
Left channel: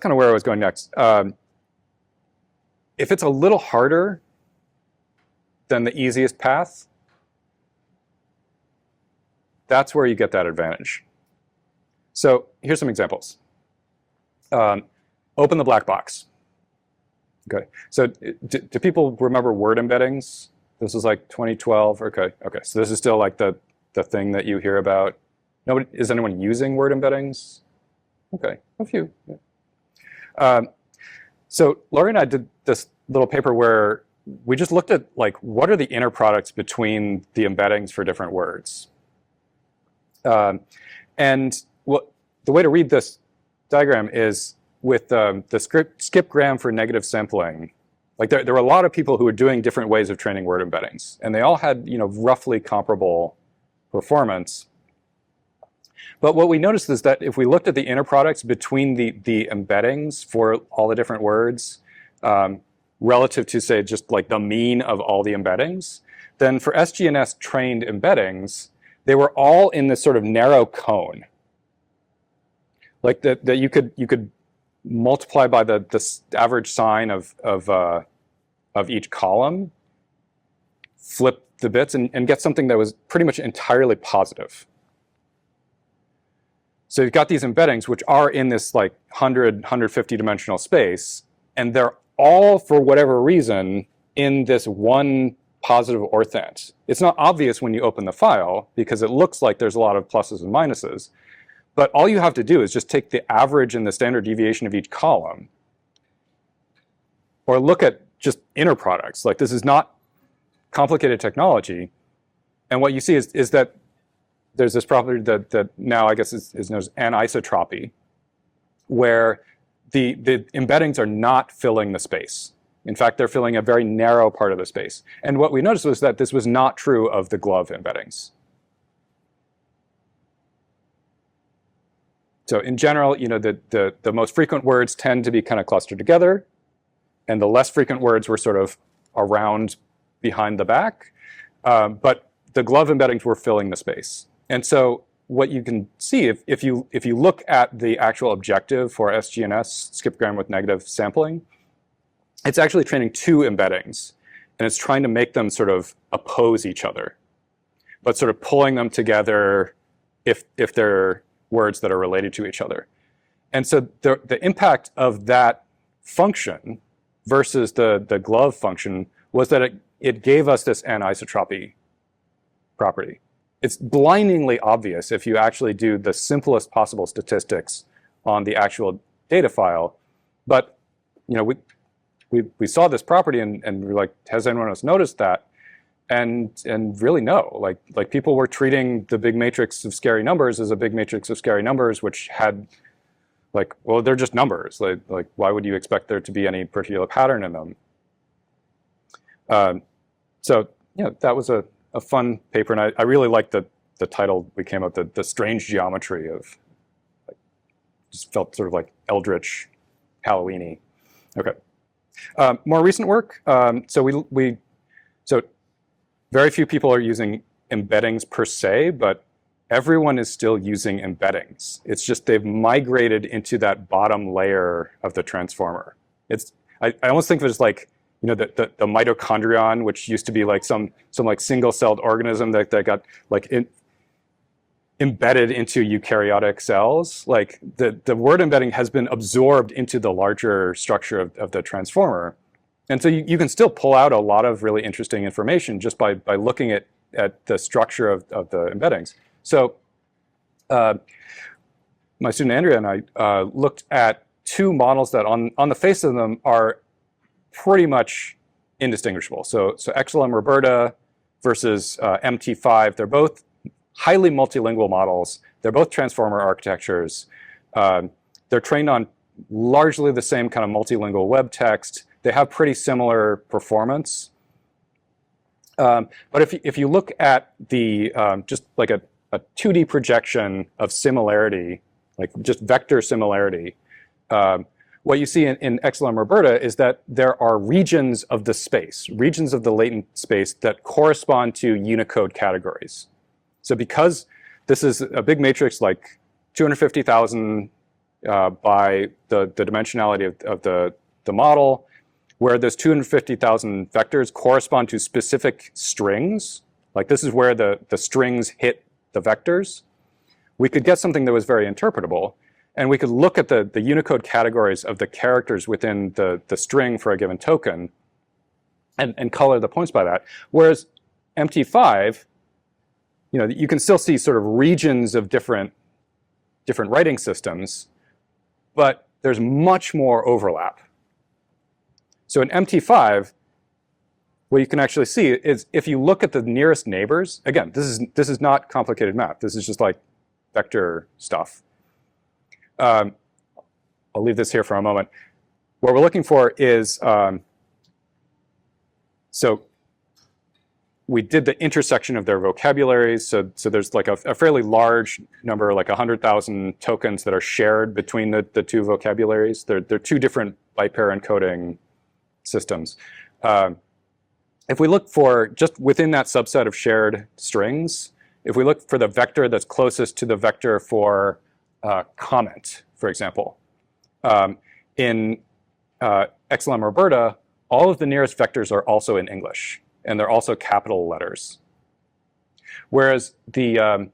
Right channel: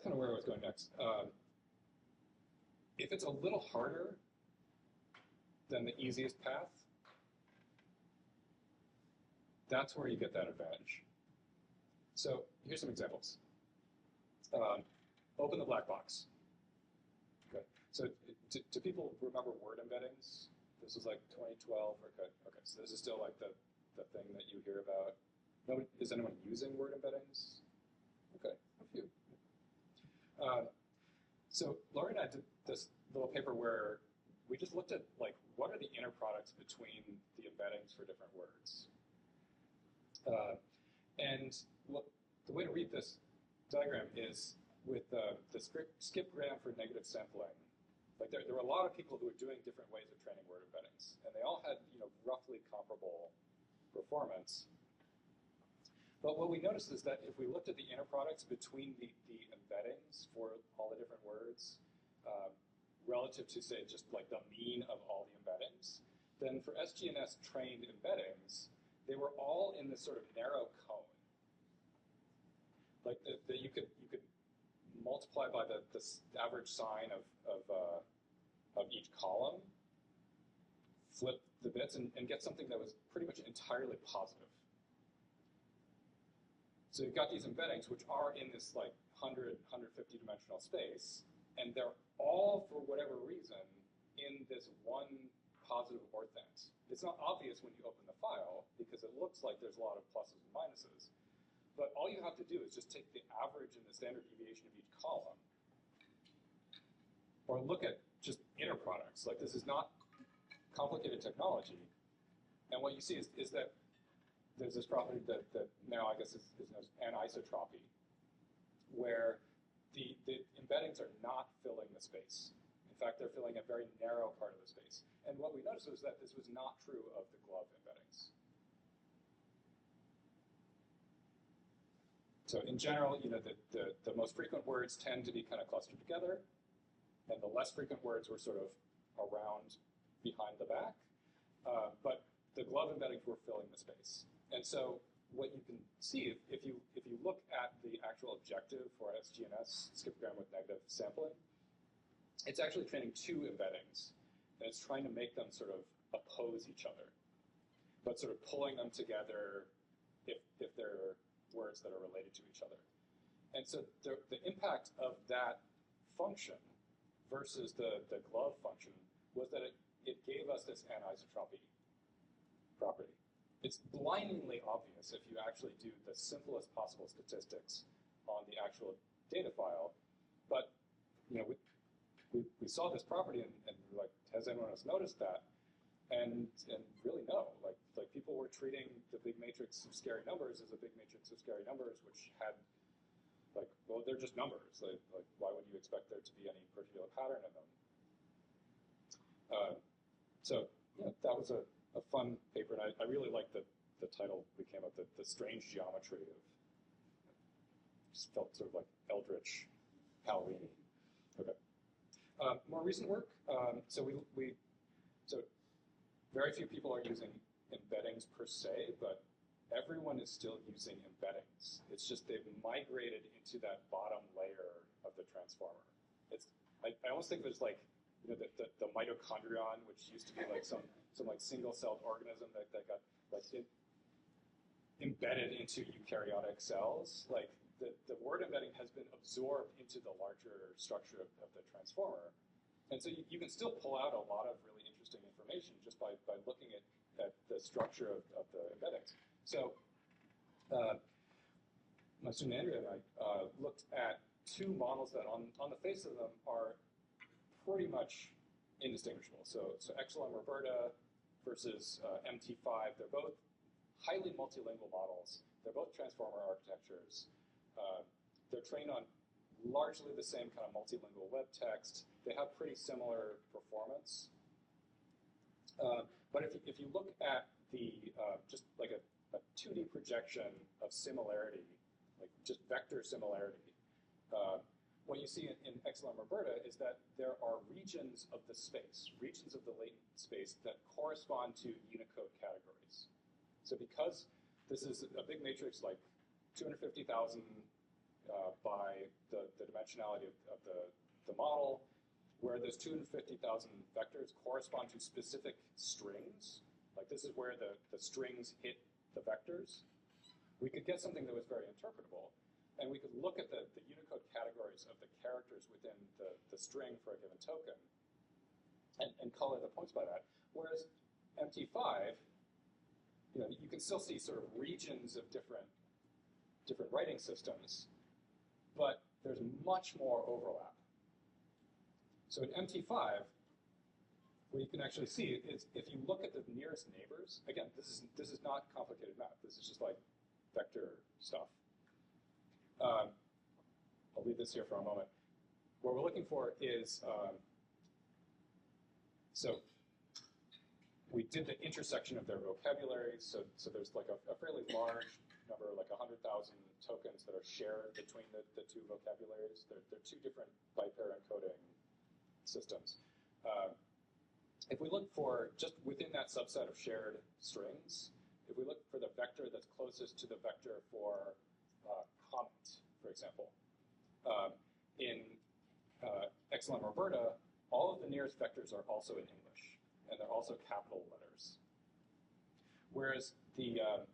kind of where I was going next. If it's a little harder than the easiest path, that's where you get that advantage. So here's some examples. Open the black box. Okay, so do people remember word embeddings? This was like 2012. Okay, so this is still like the thing that you hear about. Nobody, is anyone using word embeddings? Okay, a few. Yeah. So Laurie and I did this little paper where we just looked at like what are the inner products between the embeddings for different words. And the way to read this diagram is with the skipgram for negative sampling. Like there were a lot of people who were doing different ways of training word embeddings, and they all had roughly comparable performance. But what we noticed is that if we looked at the inner products between the embeddings for all the different words, relative to say just like the mean of all the embeddings, then for SGNS trained embeddings, they were all in this sort of narrow cone. Like that you could multiply by the average sign of each column, flip the bits, and get something that was pretty much entirely positive. So you've got these embeddings, which are in this like 150 dimensional space, and they're all, for whatever reason, in this one positive orthant. It's not obvious when you open the file, because it looks like there's a lot of pluses and minuses. But all you have to do is just take the average and the standard deviation of each column, or look at just inner products. Like this is not complicated technology. And what you see is that there's this property that now I guess is known as anisotropy, where the embeddings are not filling the space. In fact, they're filling a very narrow part of the space. And what we noticed was that this was not true of the glove embeddings. So in general, the most frequent words tend to be kind of clustered together, and the less frequent words were sort of around behind the back. But the glove embeddings were filling the space. And so what you can see, if you look at the actual objective for SGNS, skipgram with negative sampling, it's actually training two embeddings, and it's trying to make them sort of oppose each other, but sort of pulling them together if they're words that are related to each other. And so the impact of that function versus the glove function was that it gave us this anisotropy property. It's blindingly obvious if you actually do the simplest possible statistics on the actual data file. But we saw this property and we're like, has anyone else noticed that? and really no. Like people were treating the big matrix of scary numbers as a big matrix of scary numbers, which had like, well, they're just numbers. Like why would you expect there to be any particular pattern in them? So yeah, that was a fun paper, and I really liked the title we came up with, the strange geometry of, like, just felt sort of like eldritch, Halloween-y. Okay. More recent work. So so very few people are using embeddings per se, but everyone is still using embeddings. It's just they've migrated into that bottom layer of the transformer. I almost think of it as like, you know, the mitochondrion, which used to be like some like single-celled organism that got like embedded into eukaryotic cells. Like the word embedding has been absorbed into the larger structure of the transformer. And so you can still pull out a lot of really interesting information just by looking at the structure of the embeddings. So my student Andrea and I looked at two models that on the face of them are pretty much indistinguishable. So XLM Roberta versus MT5, they're both highly multilingual models. They're both transformer architectures. They're trained on largely the same kind of multilingual web text. They have pretty similar performance. But if you look at the just like a 2D projection of similarity, like just vector similarity, what you see in XLM Roberta is that there are regions of the space, regions of the latent space that correspond to Unicode categories. So because this is a big matrix like 250,000 by the dimensionality of the model, where those 250,000 vectors correspond to specific strings, like this is where the strings hit the vectors, we could get something that was very interpretable. And we could look at the Unicode categories of the characters within the string for a given token and color the points by that. Whereas MT5, you know, you can still see sort of regions of different writing systems, but there's much more overlap. So in MT5, what you can actually see is if you look at the nearest neighbors, again, this is not complicated math. This is just like vector stuff. I'll leave this here for a moment. What we're looking for is, so we did the intersection of their vocabularies. So there's like a fairly large number, like 100,000 tokens that are shared between the two vocabularies. They're two different byte pair encoding systems. If we look for just within that subset of shared strings, if we look for the vector that's closest to the vector for comment, for example, in XLM Roberta, all of the nearest vectors are also in English, and they're also capital letters. Whereas the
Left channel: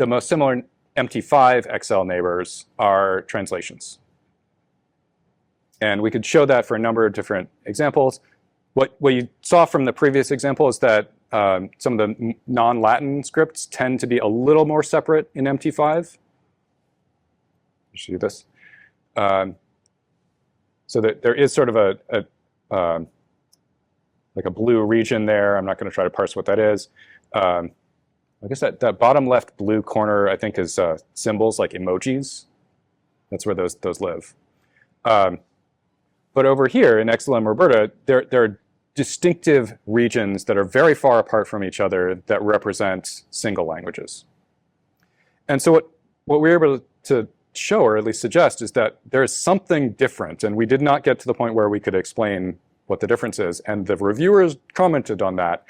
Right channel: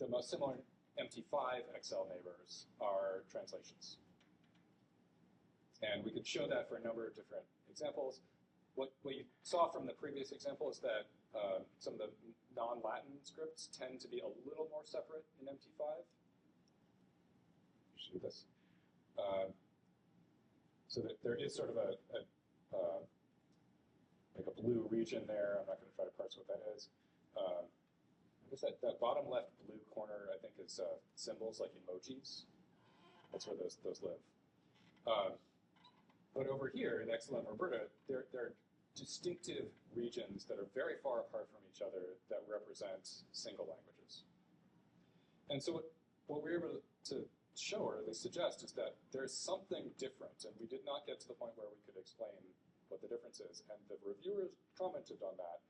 most similar MT5 XL neighbors are translations. And we could show that for a number of different examples. What you saw from the previous example is that some of the non-Latin scripts tend to be a little more separate in MT5. Should do this. So that there is sort of like a blue region there. I'm not going to try to parse what that is. I guess that bottom left blue corner, I think, is symbols like emojis. That's where those live. But over here in XLM Roberta, there are distinctive regions that are very far apart from each other that represent single languages. And so what we were able to show, or at least suggest, is that there is something different, and we did not get to the point where we could explain what the difference is, and the reviewers commented on that.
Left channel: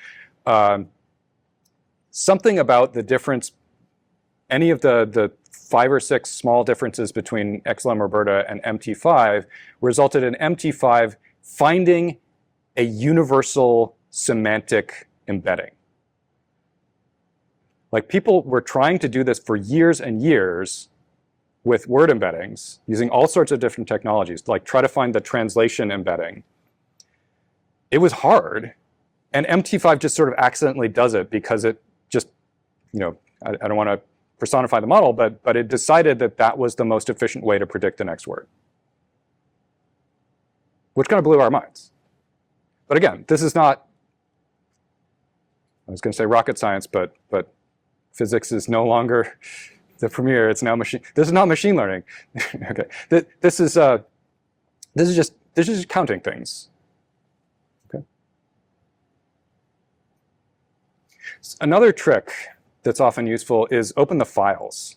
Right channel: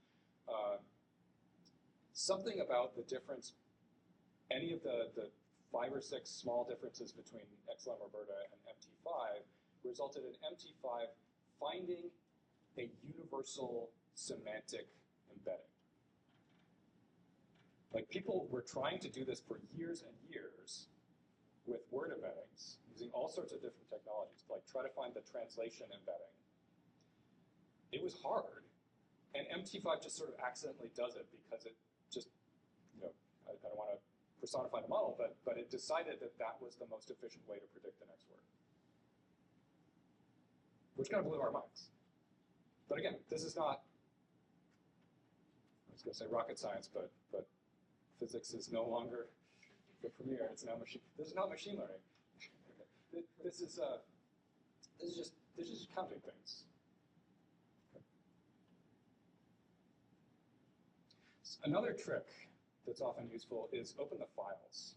Something about the difference, any of the 5 or 6 small differences between XLM Roberta and MT5 resulted in MT5 finding a universal semantic embedding. Like, people were trying to do this for years and years with word embeddings using all sorts of different technologies, like try to find the translation embedding. It was hard, and MT5 just sort of accidentally does it because it just, you know, I don't want to personify the model, but it decided that that was the most efficient way to predict the next word, which kind of blew our minds. But again, this is not I was going to say rocket science, but physics is no longer the premier. It's now machine. This is not machine learning. Okay, this is just counting things. Okay. Another trick that's often useful is open the files.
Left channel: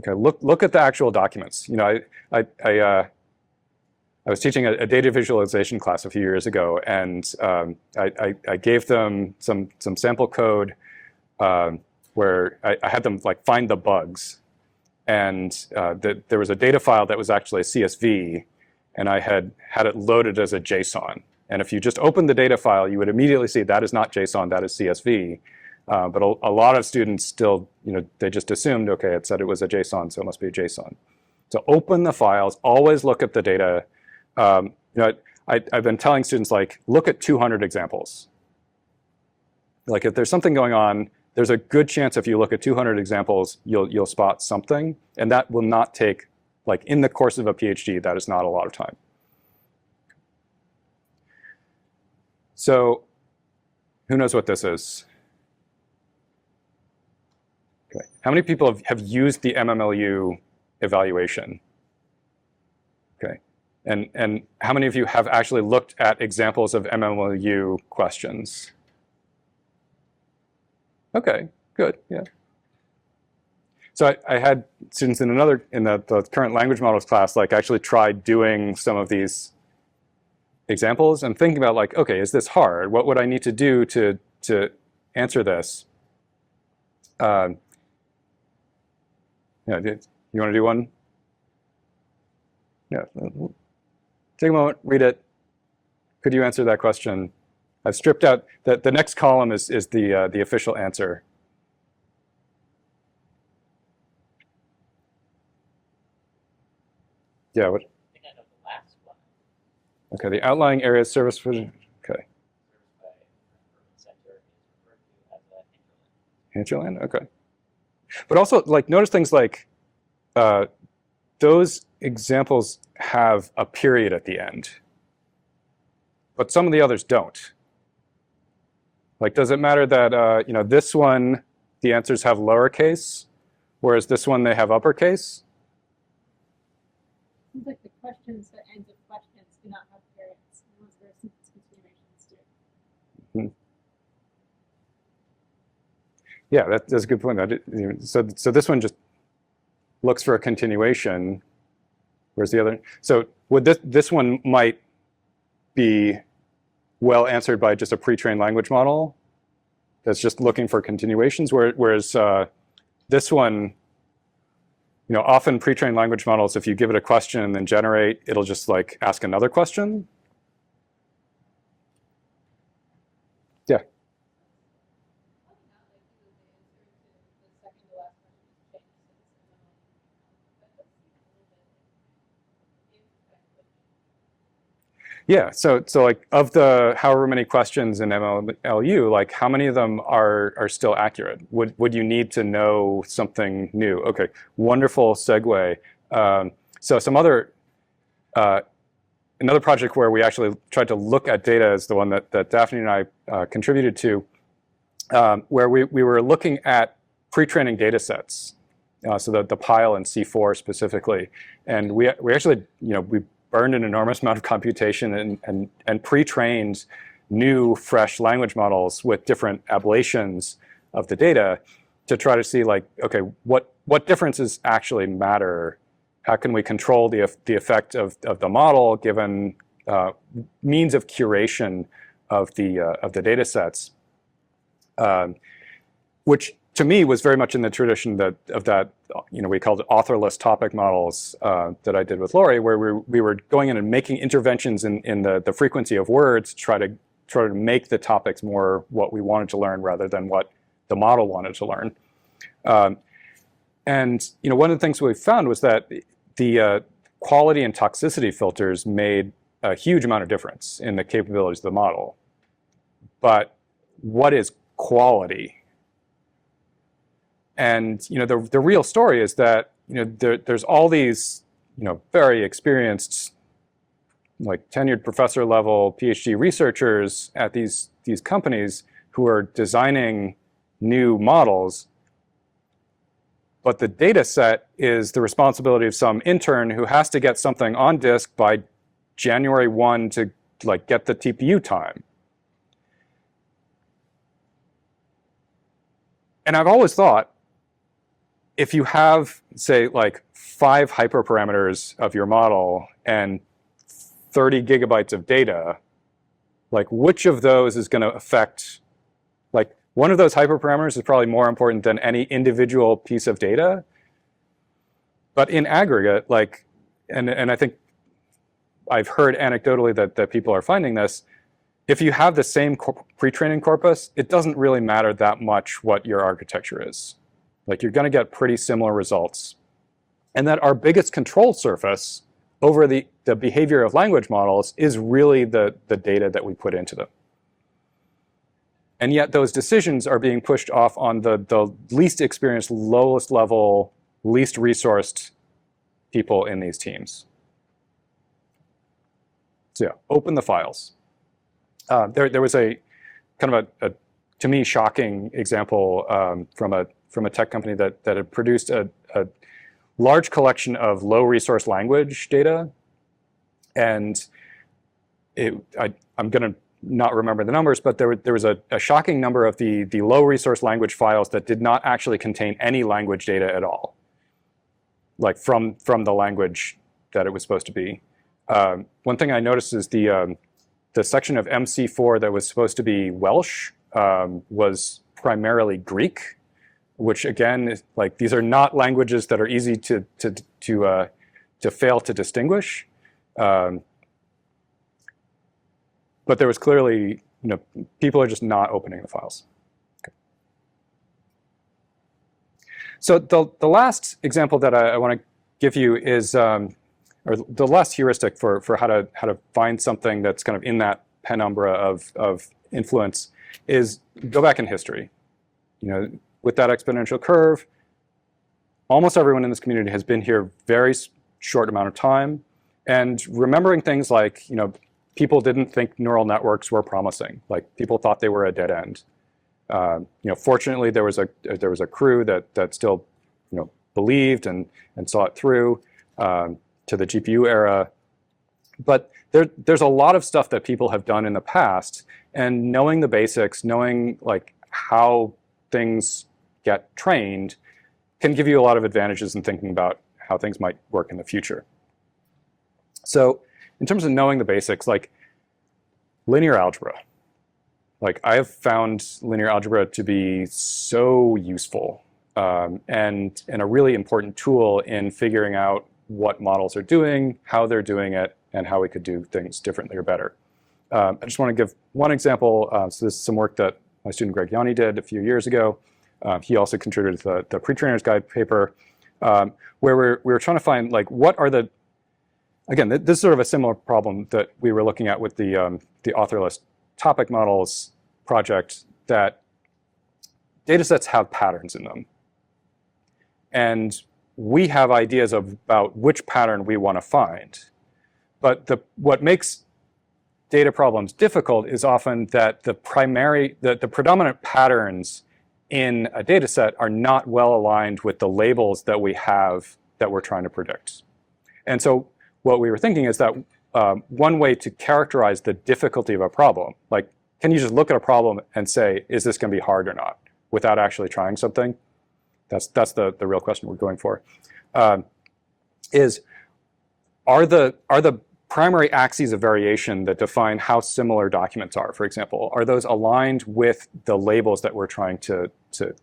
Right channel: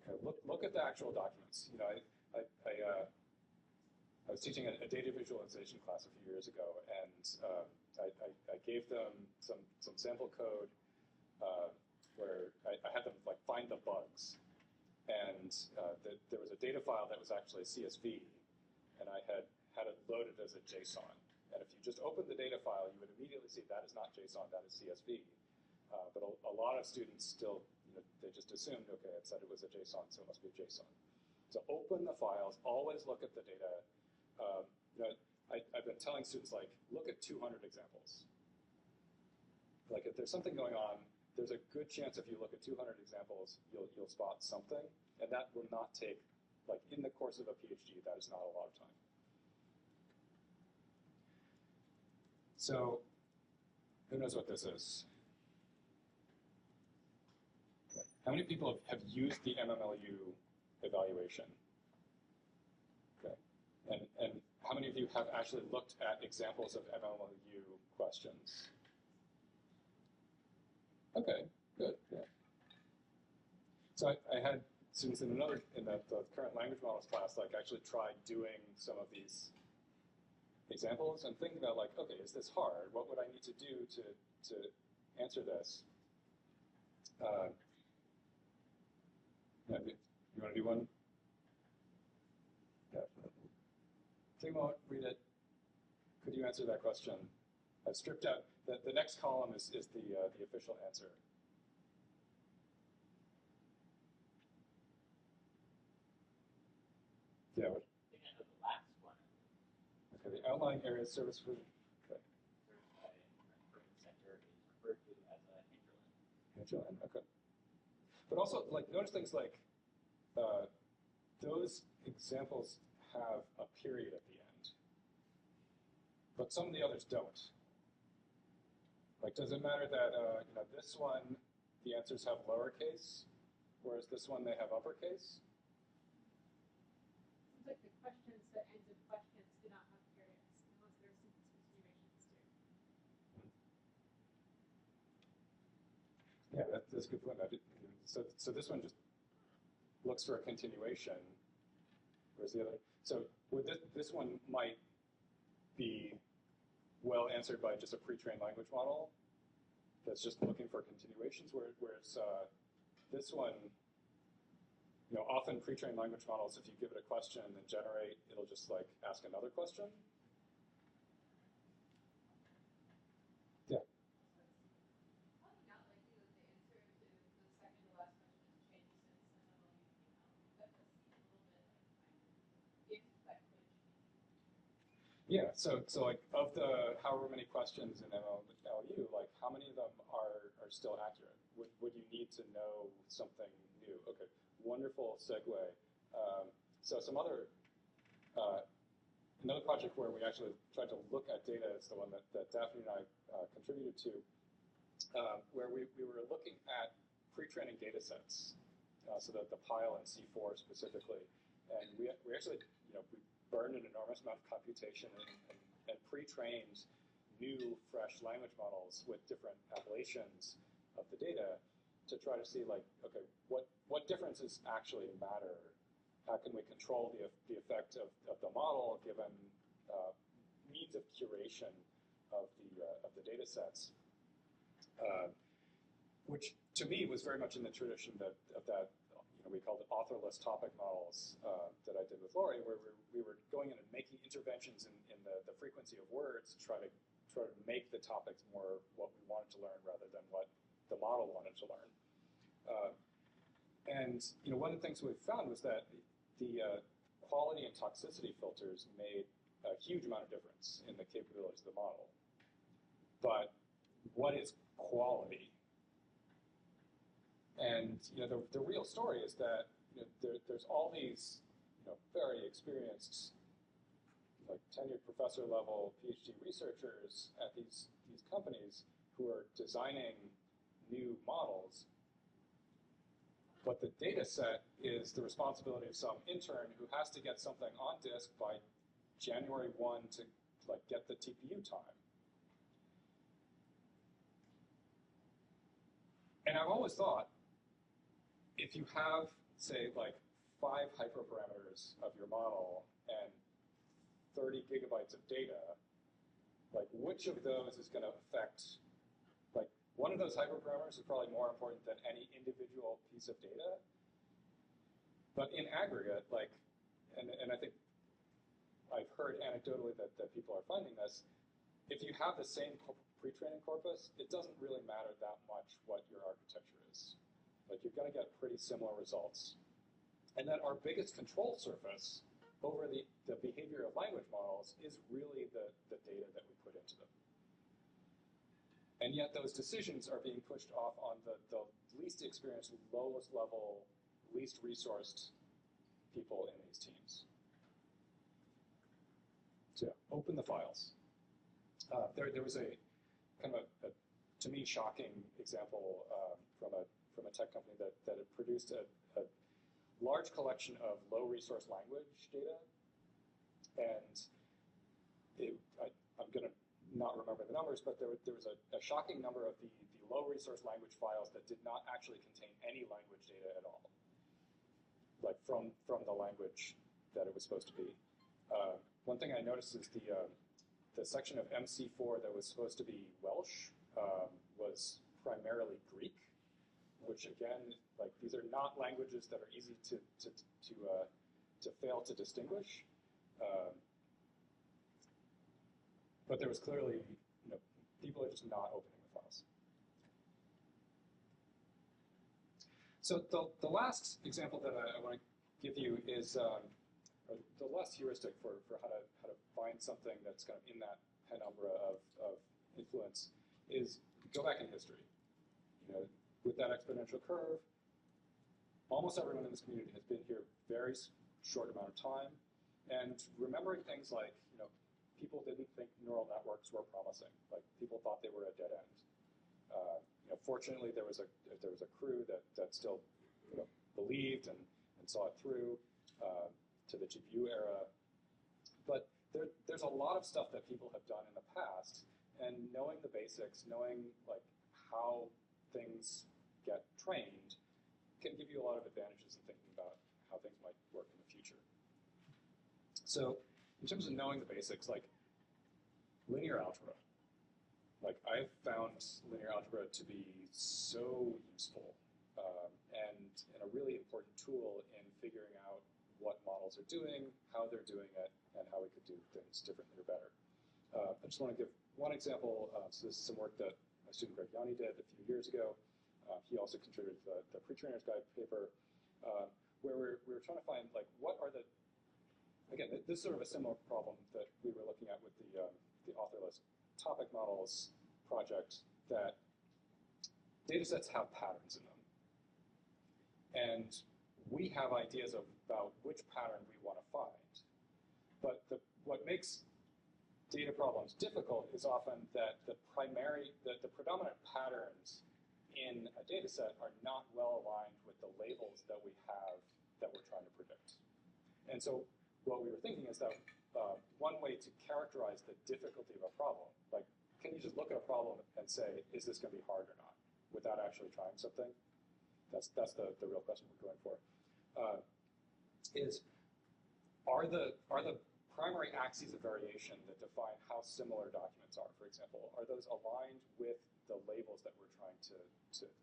Okay, look at the actual documents. You know, I was teaching a data visualization class a few years ago, and I gave them some sample code where I had them like find the bugs, and there was a data file that was actually a CSV, and I had it loaded as a JSON. And if you just open the data file, you would immediately see that is not JSON, that is CSV. But a lot of students still, you know, they just assumed, okay, it said it was a JSON, so it must be a JSON. So open the files, always look at the data. You know, I've been telling students, like, look at 200 examples. Like, if there's something going on, there's a good chance if you look at 200 examples, you'll spot something, and that will not take, like, in the course of a PhD, that is not a lot of time. So, who knows what this is? Okay. How many people have used the MMLU evaluation? Okay. And how many of you have actually looked at examples of MMLU questions? Okay, good, yeah. So I had students in the current language models class, like, actually try doing some of these examples and thinking about, like, okay, is this hard? What would I need to do to answer this? Yeah, you want to do one? Yeah. Take a moment, read it. Could you answer that question? I've stripped out the next column is the official answer. Yeah. What? Okay. The outlying area service. Okay. Hinterland. Okay. But also, like, notice things like those examples have a period at the end, but some of the others don't. Like, does it matter that you know, this one, the answers have lowercase, whereas this one they have uppercase? Seems like the questions, the ends of questions, do not have periods, unless there are sentence continuations too. Yeah, that's a good point. So this one just looks for a continuation, whereas the other. So would this one might be well answered by just a pre-trained language model that's just looking for continuations, whereas this one, you know, often pre-trained language models, if you give it a question and then generate, it'll just, like, ask another question. Yeah. Yeah, so like, of the however many questions in MLU, like, how many of them are still accurate? Would you need to know something new? Okay, wonderful segue. So some other, another project where we actually tried to look at data is the one that Daphne and I contributed to, where we were looking at pre-training data sets, so the PILE and C4 specifically. And we actually, you know, we burned an enormous amount of computation and pre-trained new, fresh language models with different ablations of the data to try to see, like, okay, what differences actually matter? How can we control the effect of the model given means of curation of the data sets, which to me was very much in the tradition of that, you know, we called it authorless topic models that I did with Laurie, where we were going in and making interventions in the frequency of words to try to make the topics more what we wanted to learn rather than what the model wanted to learn. And, you know, one of the things we found was that the quality and toxicity filters made a huge amount of difference in the capabilities of the model. But what is quality? And, you know, the real story is that, you know, there's all these, you know, very experienced, like, tenured professor level PhD researchers at these companies who are designing new models, but the data set is the responsibility of some intern who has to get something on disk by January 1 to like get the TPU time. And I've always thought, if you have, say, like 5 hyperparameters of your model and 30 gigabytes of data, like which of those is going to affect, like one of those hyperparameters is probably more important than any individual piece of data. But in aggregate, like, and I think I've heard anecdotally that people are finding this, if you have the same pre-training corpus, it doesn't really matter that much what your architecture is. Like you're going to get pretty similar results. And that our biggest control surface over the behavior of language models is really the data that we put into them. And yet those decisions are being pushed off on the least experienced, lowest level, least resourced people in these teams. So yeah, open the files. There was a kind of a to me shocking example from a tech company that had produced a large collection of low resource language data, and I'm going to not remember the numbers, but there was a shocking number of the low resource language files that did not actually contain any language data at all, like from the language that it was supposed to be. One thing I noticed is the section of MC4 that was supposed to be Welsh was primarily Greek, which again, is, like these are not languages that are easy to fail to distinguish. But there was clearly, people are just not opening the files. Okay. So the last example that I want to give you is, or the last heuristic for how to find something that's kind of in that penumbra of influence is go back in history. With that exponential curve, almost everyone in this community has been here very short amount of time, and remembering things like, people didn't think neural networks were promising. Like people thought they were a dead end. Fortunately, there was a crew that still, believed and saw it through to the GPU era. But there's a lot of stuff that people have done in the past, and knowing the basics, knowing like how things get trained, can give you a lot of advantages in thinking about how things might work in the future. So in terms of knowing the basics, like linear algebra, like I have found linear algebra to be so useful and a really important tool in figuring out what models are doing, how they're doing it, and how we could do things differently or better. I just want to give one example. So this is some work that my student Greg Yanni did a few years ago. He also contributed to the pre-trainer's guide paper, where we were trying to find like what are the, again, this is sort of a similar problem that we were looking at with the authorless topic models project, that data sets have patterns in them. And we have ideas about which pattern we want to find. But what makes data problems difficult is often that the predominant patterns in a data set are not well aligned with the labels that we have that we're trying to predict. And so what we were thinking is that one way to characterize the difficulty of a problem, like can you just look at a problem and say, is this going to be hard or not, without actually trying something? That's the real question we're going for. Are the primary axes of variation that define how similar documents are, for example, are those aligned with the labels that we're trying to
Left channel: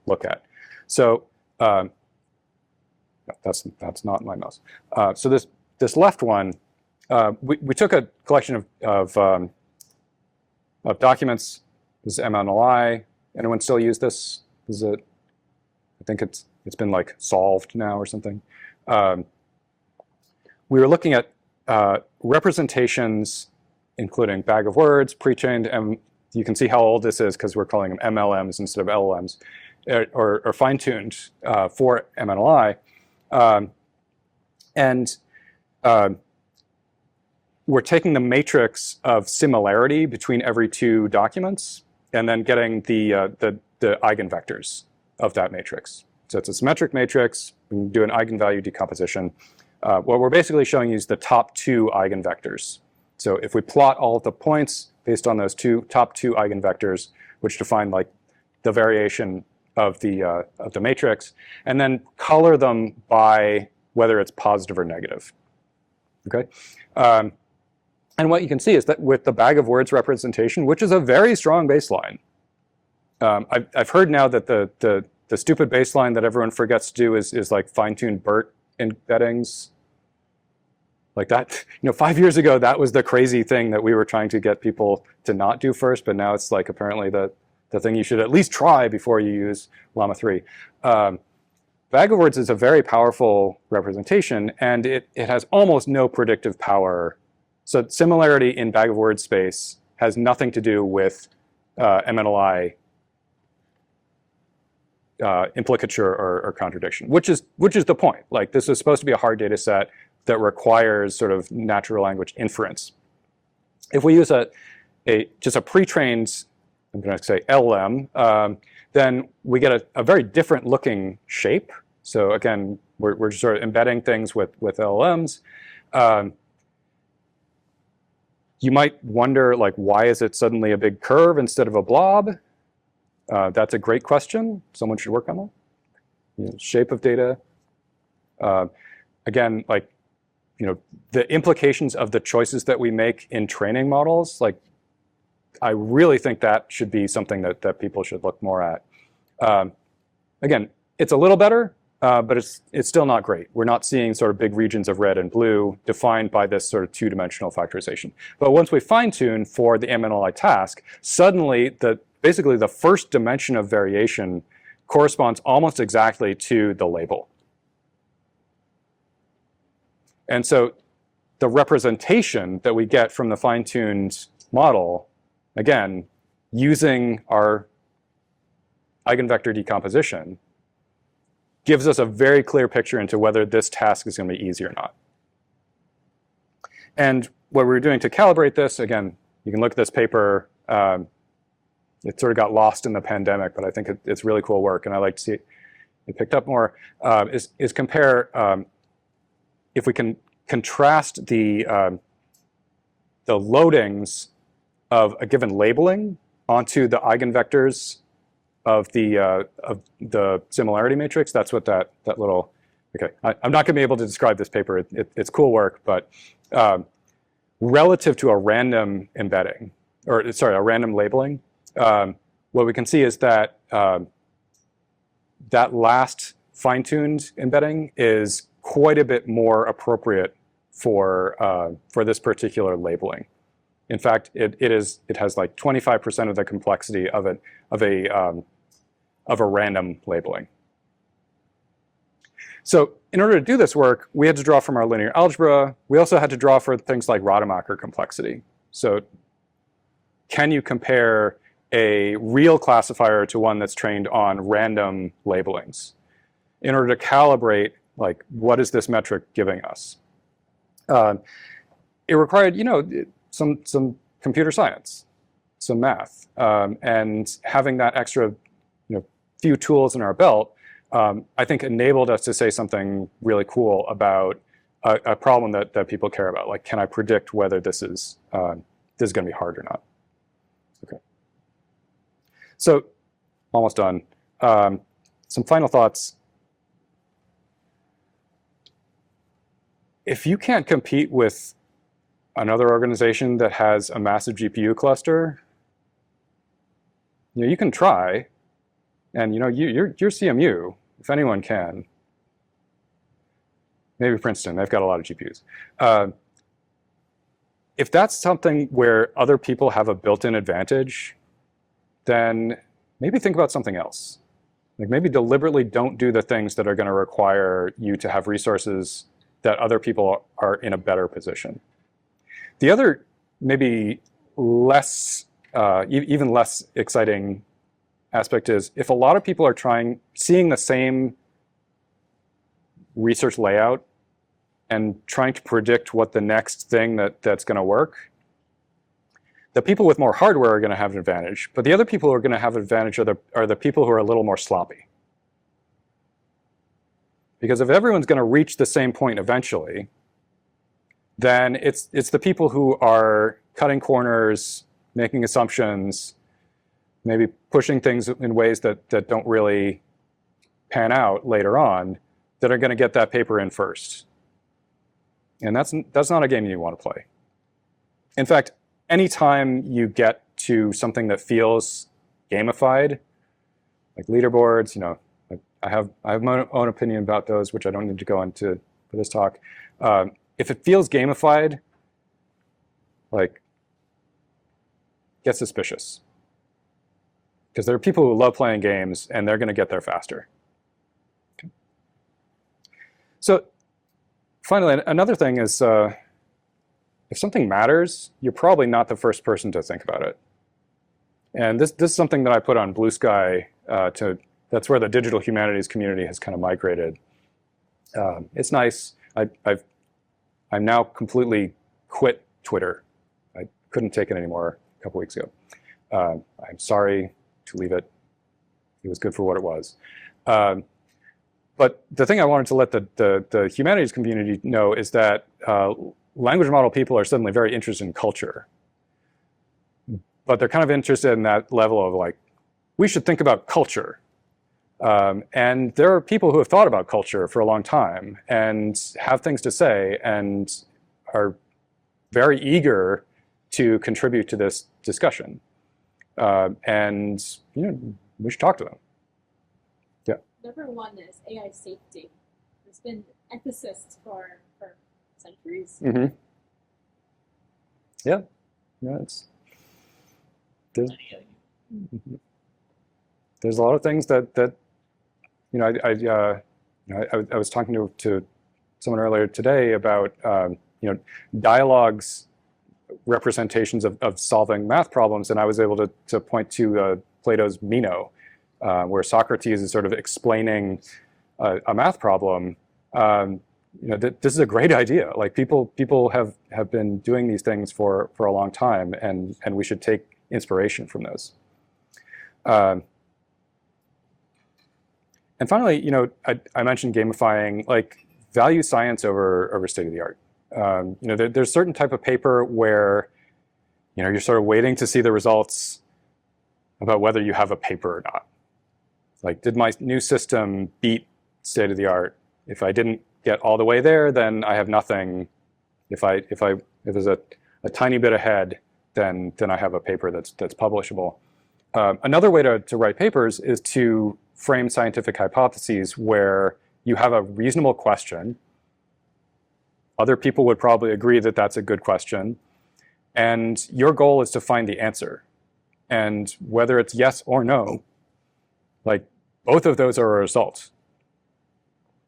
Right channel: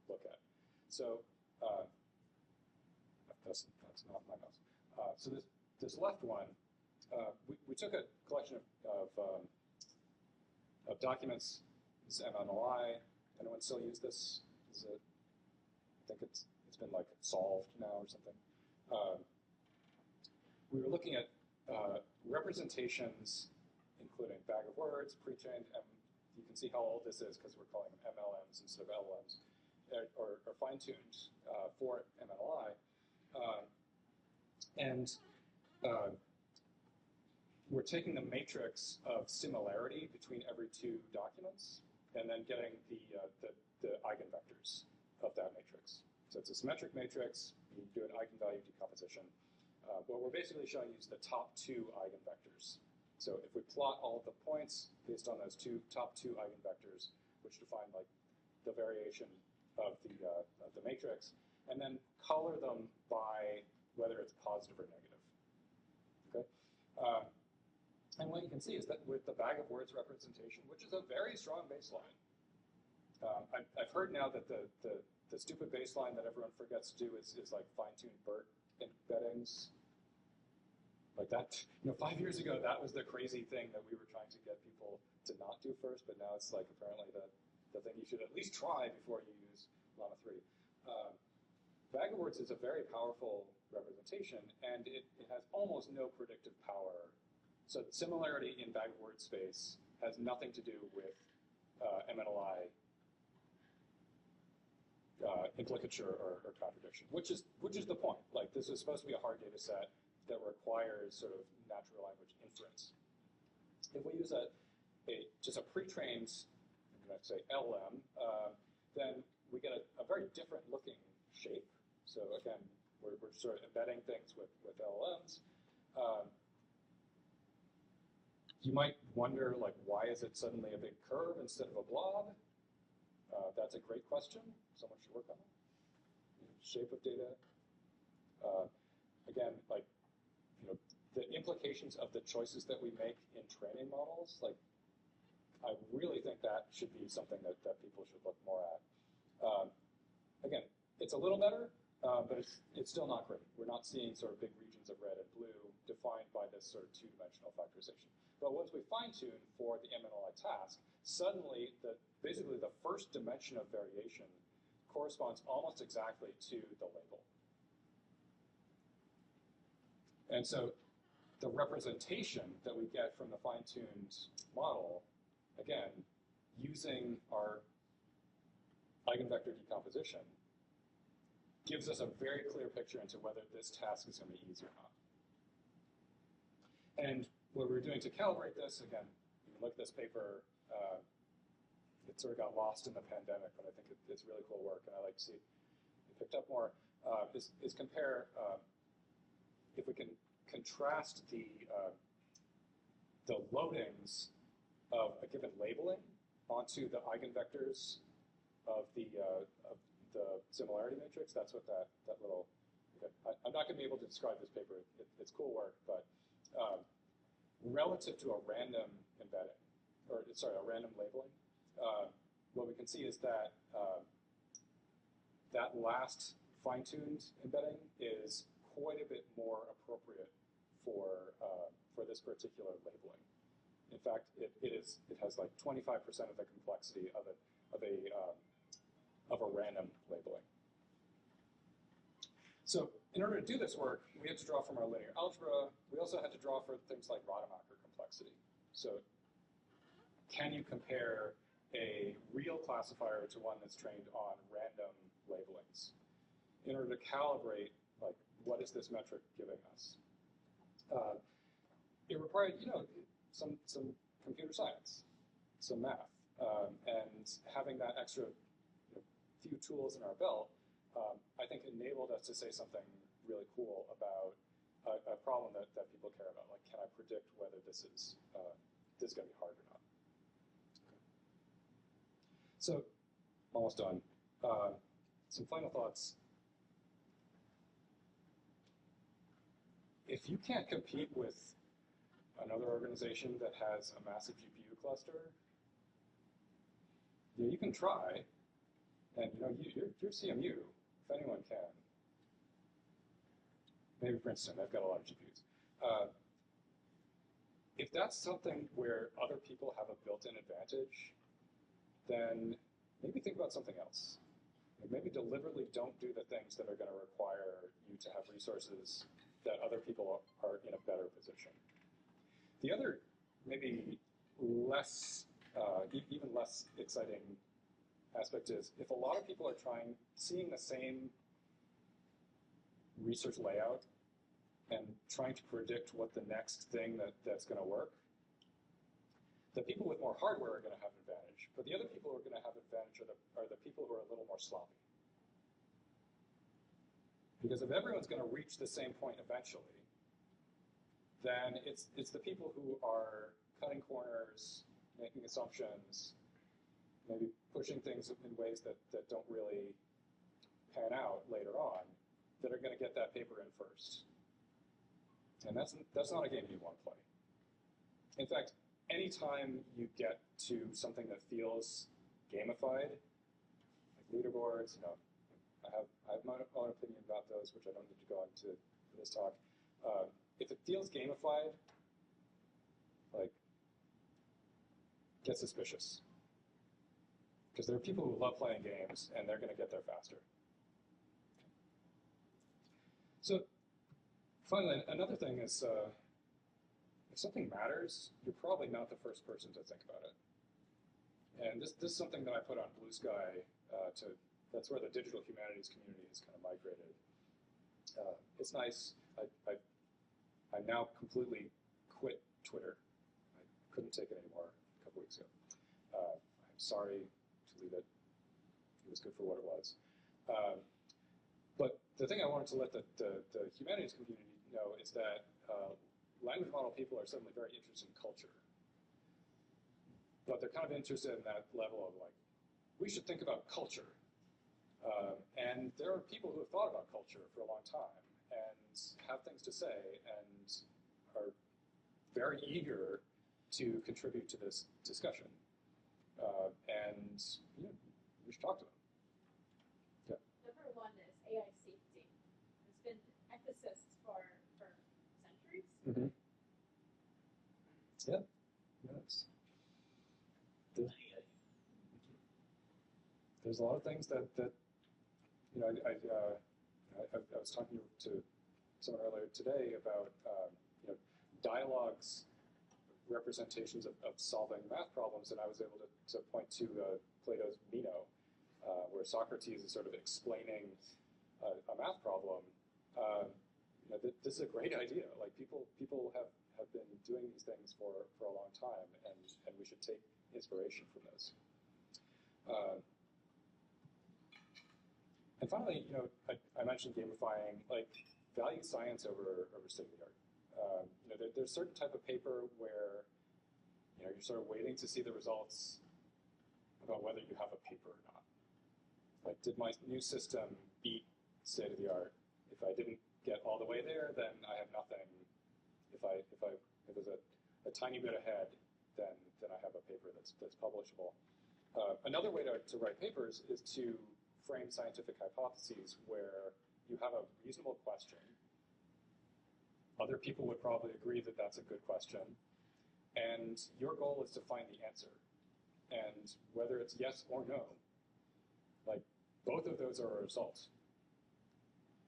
look at? So that's not my mouse. So this left one, we took a collection of documents. This is MLI. Anyone still use this? Is it? I think it's been like solved now or something. We were looking at representations, including bag of words, pre-trained, and you can see how old this is because we're calling them MLMs instead of LLMs, or fine-tuned for MLI. And we're taking the matrix of similarity between every two documents and then getting the eigenvectors of that matrix. So it's a symmetric matrix. We can do an eigenvalue decomposition. What we're basically showing you is the top 2 eigenvectors. So if we plot all of the points based on those top two eigenvectors, which define like the variation of the matrix, and then color them by whether it's positive or negative. Okay. And what you can see is that with the bag of words representation, which is a very strong baseline, I've heard now that the stupid baseline that everyone forgets to do is like fine-tuned BERT embeddings. Like that, 5 years ago, that was the crazy thing that we were trying to get people to not do first, but now it's like apparently the thing you should at least try before you use Llama 3. Bag of words is a very powerful representation, and it has almost no predictive power. So similarity in bag of words space has nothing to do with MNLI implicature or contradiction, which is the point. Like, this is supposed to be a hard data set that requires sort of natural language inference. If we use just a pre-trained, I'm going to say LM, then we get a very different looking shape. So again, we're just sort of embedding things with LLMs. You might wonder, like, why is it suddenly a big curve instead of a blob? That's a great question. Someone should work on that. Shape of data. Again, like, the implications of the choices that we make in training models, like, I really think that should be something that people should look more at. Again, it's a little better, but it's still not great. We're not seeing sort of big regions of red and blue defined by this sort of two-dimensional factorization. But once we fine-tune for the MNLI task, suddenly basically the first dimension of variation corresponds almost exactly to the label. And so the representation that we get from the fine-tuned model, again, using our eigenvector decomposition, gives us a very clear picture into whether this task is going to be easy or not. And what we're doing to calibrate this, again, you can look at this paper. It sort of got lost in the pandemic, but I think it's really cool work, and I like to see it picked up more, is compare, if we can contrast the loadings of a given labeling onto the eigenvectors of the similarity matrix. That's what that little, okay, I'm not going to be able to describe this paper. It's cool work, but relative to a random embedding, or sorry, a random labeling, what we can see is that that last fine-tuned embedding is quite a bit more appropriate for this particular labeling. In fact, it has like 25% of the complexity of a random labeling. So in order to do this work, we had to draw from our linear algebra. We also had to draw for things like Rademacher complexity. So can you compare a real classifier to one that's trained on random labelings in order to calibrate, like, what is this metric giving us? It required, some computer science, some math, and having that extra, few tools in our belt, I think enabled us to say something really cool about a problem that people care about. Like, can I predict whether this is going to be hard or not? Okay. So, almost done. Some final thoughts. If you can't compete with another organization that has a massive GPU cluster, you can try, and you're CMU, if anyone can. Maybe Princeton, they've got a lot of GPUs. If that's something where other people have a built-in advantage, then maybe think about something else. Like, maybe deliberately don't do the things that are going to require you to have resources that other people are in a better position. The other, maybe less, even less exciting aspect is, if a lot of people are seeing the same research layout and trying to predict what the next thing that's going to work, the people with more hardware are going to have an advantage, but the other people who are going to have an advantage are the people who are a little more sloppy. Because if everyone's going to reach the same point eventually, then it's the people who are cutting corners, making assumptions, maybe pushing things in ways that don't really pan out later on, that are going to get that paper in first. And that's not a game you want to play. In fact, anytime you get to something that feels gamified, like leaderboards, I have my own opinion about those, which I don't need to go into for this talk. If it feels gamified, like, get suspicious. Because there are people who love playing games, and they're going to get there faster. Okay. So finally, another thing is, if something matters, you're probably not the first person to think about it. And this is something that I put on Blue Sky. That's where the digital humanities community has kind of migrated. It's nice. I'm now completely quit Twitter. I couldn't take it anymore a couple weeks ago. I'm sorry to leave it. It was good for what it was. But the thing I wanted to let the humanities community know is that language model people are suddenly very interested in culture. But they're kind of interested in that level of like, we should think about culture. And there are people who have thought about culture for a long time and have things to say and are very eager to contribute to this discussion. And we should talk to them. Yeah. Number one is AI safety. There's been ethicists for centuries. Mm-hmm. Yeah. There's a lot of things that I was talking to someone earlier today about dialogues, representations of solving math problems, and I was able to point to Plato's Mimno, where Socrates is sort of explaining a math problem. This is a great idea. Like people have been doing these things for a long time, and we should take inspiration from those. And finally, I mentioned gamifying, like value science over state of the art. There's certain type of paper where, you're sort of waiting to see the results about whether you have a paper or not. Like, did my new system beat state of the art? If I didn't get all the way there, then I have nothing. If there's a tiny bit ahead, then I have a paper that's publishable. Another way to write papers is to frame scientific hypotheses where you have a reasonable question. Other people would probably agree that that's a good question. And your goal is to find the answer. And whether it's yes or no, like both of those are a result.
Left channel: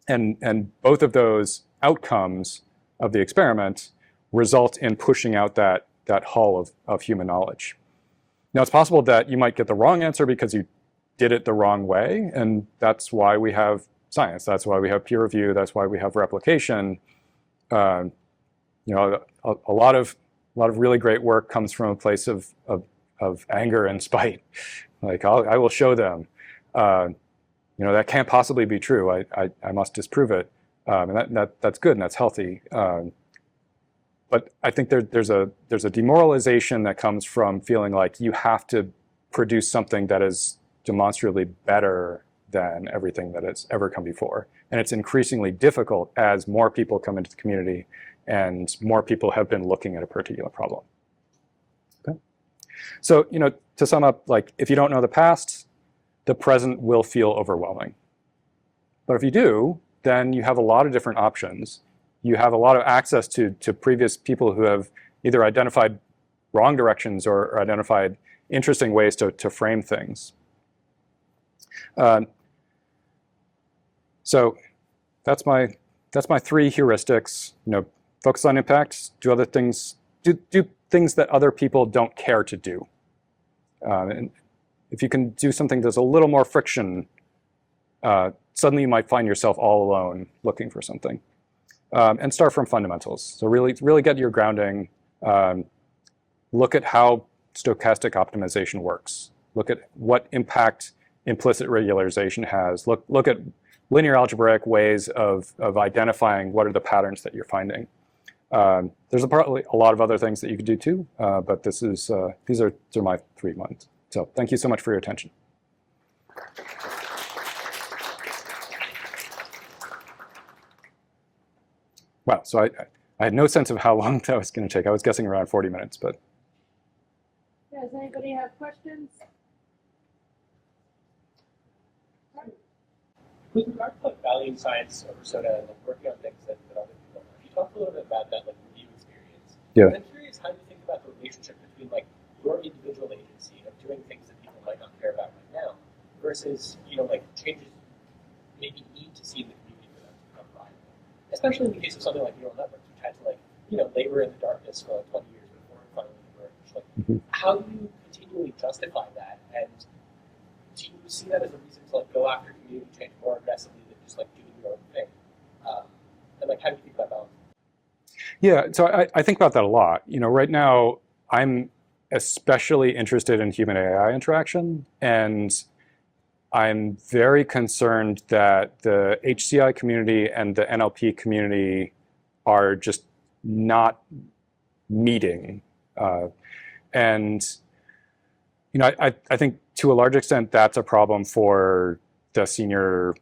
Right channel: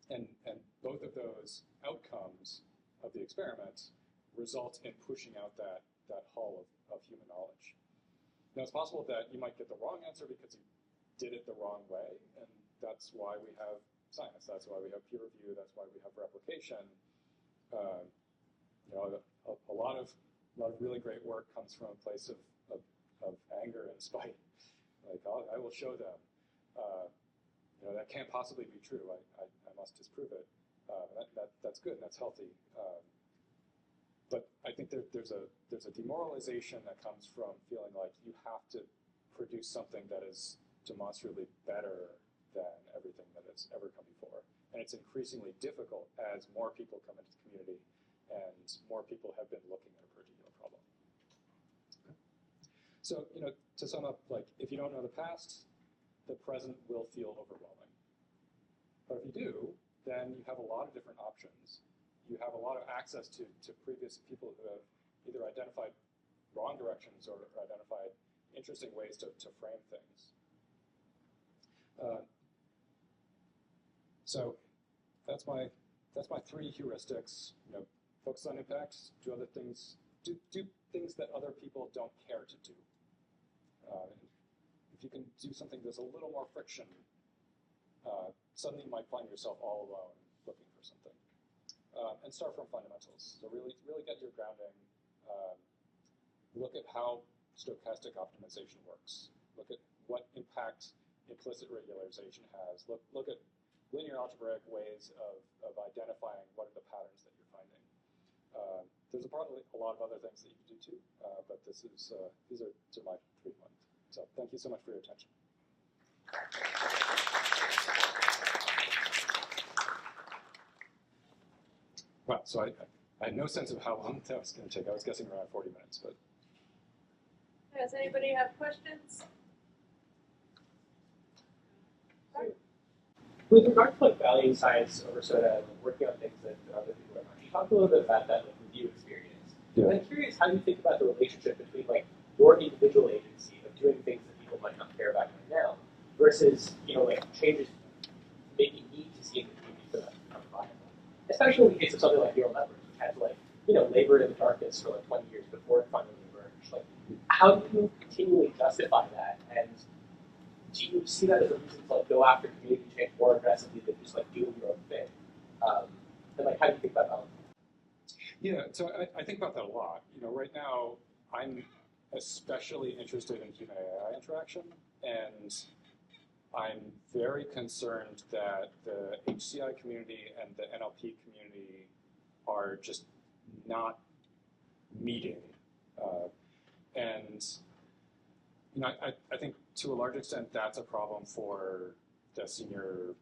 And both of those outcomes of the experiment result in pushing out that hull of human knowledge. Now, it's possible that you might get the wrong answer because you did it the wrong way, and that's why we have science. That's why we have peer review. That's why we have replication. A lot of really great work comes from a place of anger and spite. Like, I will show them. That can't possibly be true. I must disprove it. And that's good and that's healthy. But I think there's a demoralization that comes from feeling like you have to produce something that is demonstrably better than everything that has ever come before. And it's increasingly difficult as more people come into the community and more people have been looking at a particular problem. Okay? So, to sum up, like, if you don't know the past, the present will feel overwhelming. But if you do, then you have a lot of different options. You have a lot of access to previous people who have either identified wrong directions or identified interesting ways to frame things. So that's my 3 heuristics. Focus on impact. Do other things. Do things that other people don't care to do. And if you can do something that's a little more friction, suddenly you might find yourself all alone looking for something. And start from fundamentals. So really get your grounding. Look at how stochastic optimization works. Look at what impact implicit regularization has. Look at linear algebraic ways of identifying what are the patterns that you're finding. There's probably a lot of other things that you could do too, but these are my 3 ones. So thank you so much for your attention. Wow, so I had no sense of how long that was going to take. I was guessing around 40 minutes, but. Does anybody have questions? With regard to like value science or sort of like working on things that other people are, you talked a little bit about that like review experience. Yeah. And I'm curious how you think about the relationship between like your individual agency of doing things that people might not care about right now versus, you know, like changes maybe need to see in the community for that to become viable. Especially in the case of something like neural networks, which had to like, you know, labor in the darkness for like 20 years before it finally emerged. Like, how do you continually justify that? And do you see that as a reason to like go after community change more aggressively than just like doing your own thing? And like, how do you think about that? Yeah, so I think about that a lot. You know, right now I'm especially interested in human AI interaction, and I'm very concerned that the HCI community and the NLP community are just not meeting. And you know, I think to a large extent that's a problem for the senior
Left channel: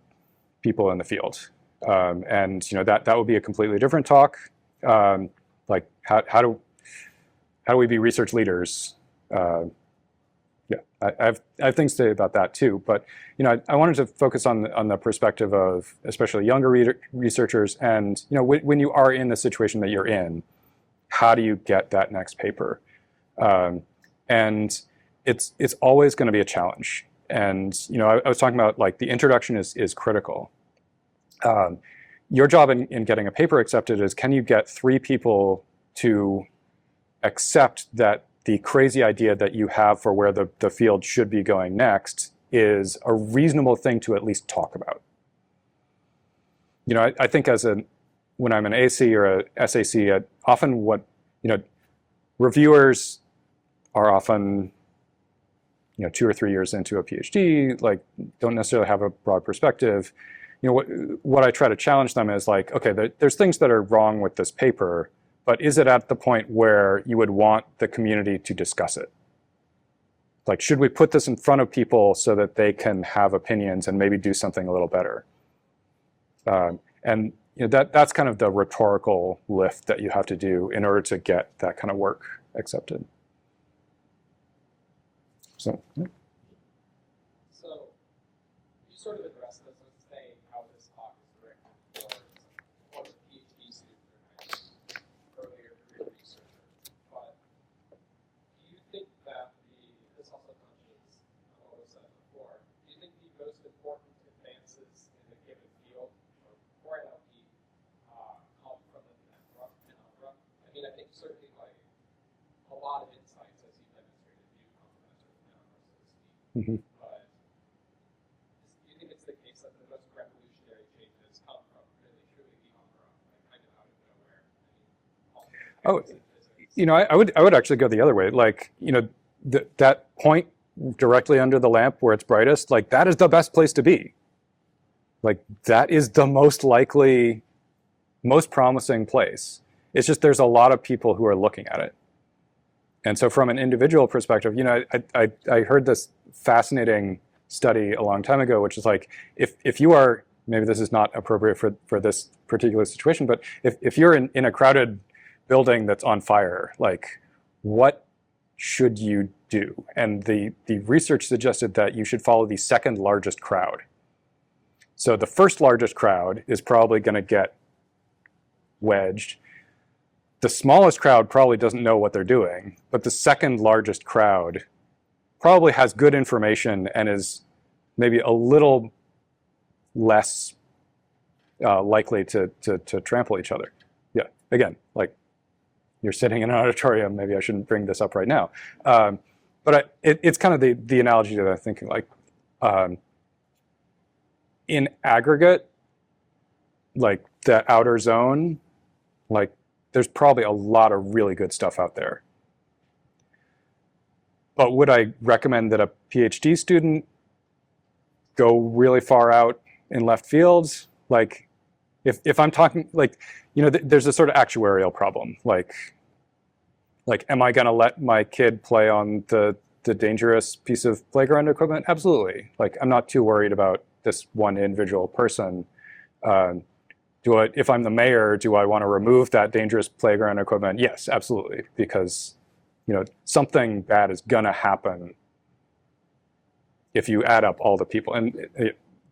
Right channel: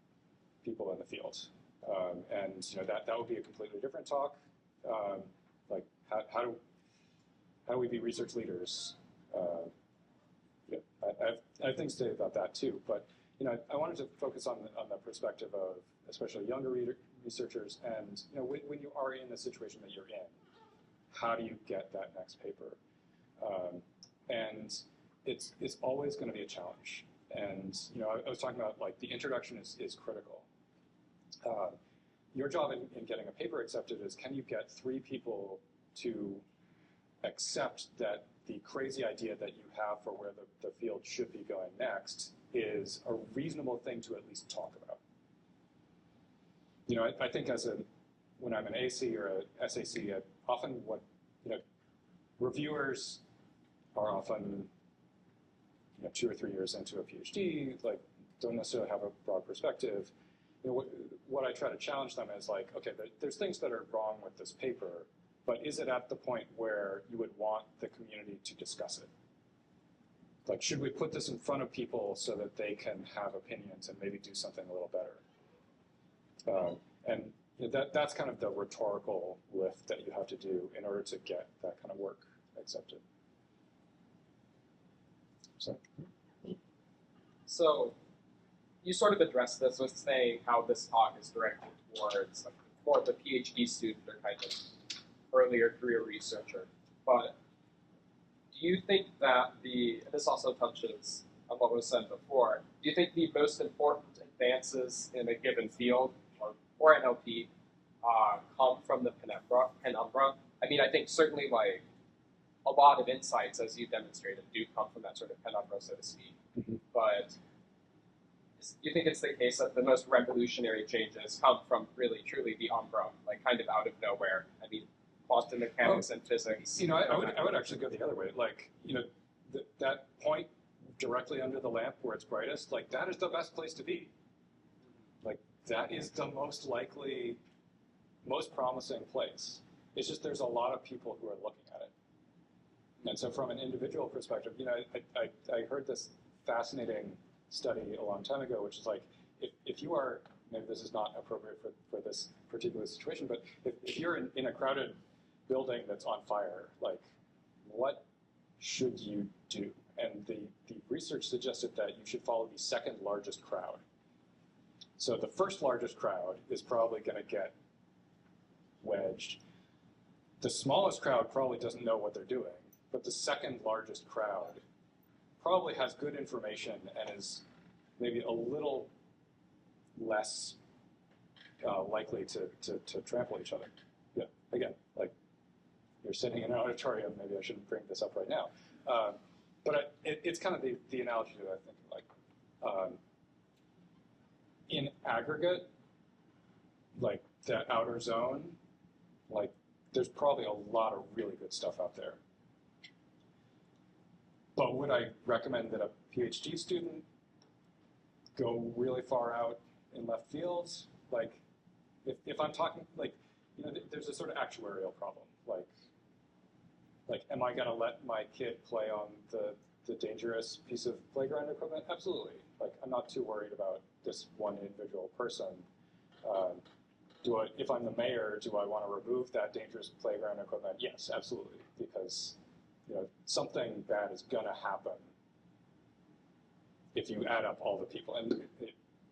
people in the field. And you know, that would be a completely different talk. Like how do we be research leaders? Yeah, I have things to say about that too. But you know, I wanted to focus on the perspective of especially younger researchers, and you know, when you are in the situation that you're in, how do you get that next paper? And it's always going to be a challenge. And you know, I was talking about like the introduction is critical. Your job in getting a paper accepted is, can you get 3 people to accept that the crazy idea that you have for where the field should be going next is a reasonable thing to at least talk about. You know, I think when I'm an AC or a SAC, often you know, reviewers are often, you know, 2 or 3 years into a PhD, like don't necessarily have a broad perspective. You know, what I try to challenge them is like, okay, there's things that are wrong with this paper, but is it at the point where you would want the community to discuss it? Like, should we put this in front of people so that they can have opinions and maybe do something a little better? And you know, that's kind of the rhetorical lift that you have to do in order to get that kind of work accepted. So, yeah. So you sort of addressed this with saying how this talk is directed towards more of the PhD student or kind of earlier career researcher. But do you think that this also touches on what was said before, do you think the most important advances in a given field or NLP come from the penumbra? I mean, I think certainly like a lot of insights, as you demonstrated, do come from that sort of penumbra, so to speak. Mm-hmm. But do you think it's the case that the most revolutionary changes come from really, truly the umbra, like kind of out of nowhere? I mean, quantum mechanics and physics. You know, I would actually go the other way. Like, you know, that point directly under the lamp where it's brightest, like that is the best place to be. Like that is the most likely, most promising place. It's just there's a lot of people who are looking at it. And so from an individual perspective, you know, I heard this fascinating study a long time ago, which is like, if you are, maybe this is not appropriate for this particular situation, but if you're in a crowded building that's on fire, like what should you do? And the research suggested that you should follow the second largest crowd. So the first largest crowd is probably going to get wedged. The smallest crowd probably doesn't know what they're doing, but the second largest crowd probably has good information and is maybe a little less likely to trample each other. Yeah, again, like you're sitting in an auditorium, maybe I shouldn't bring this up right now. But it's kind of the analogy that I'm thinking, like in aggregate, like the outer zone, like there's probably a lot of really good stuff out there. But would I recommend that a PhD student go really far out in left fields? Like, if I'm talking, like, you know, there's a sort of actuarial problem. Like, am I going to let my kid play on the dangerous piece of playground equipment? Absolutely. Like, I'm not too worried about this one individual person. If I'm the mayor, do I want to remove that dangerous playground equipment? Yes, absolutely, because, you know, something bad is gonna happen if you add up all the people. And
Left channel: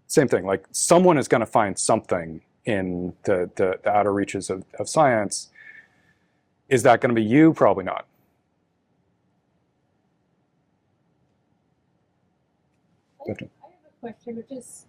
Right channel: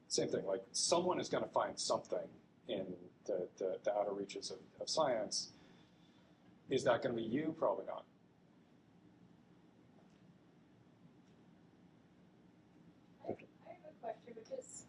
same thing, like someone is gonna find something in the outer reaches of science. Is that gonna be you? Probably not. I have a question, which is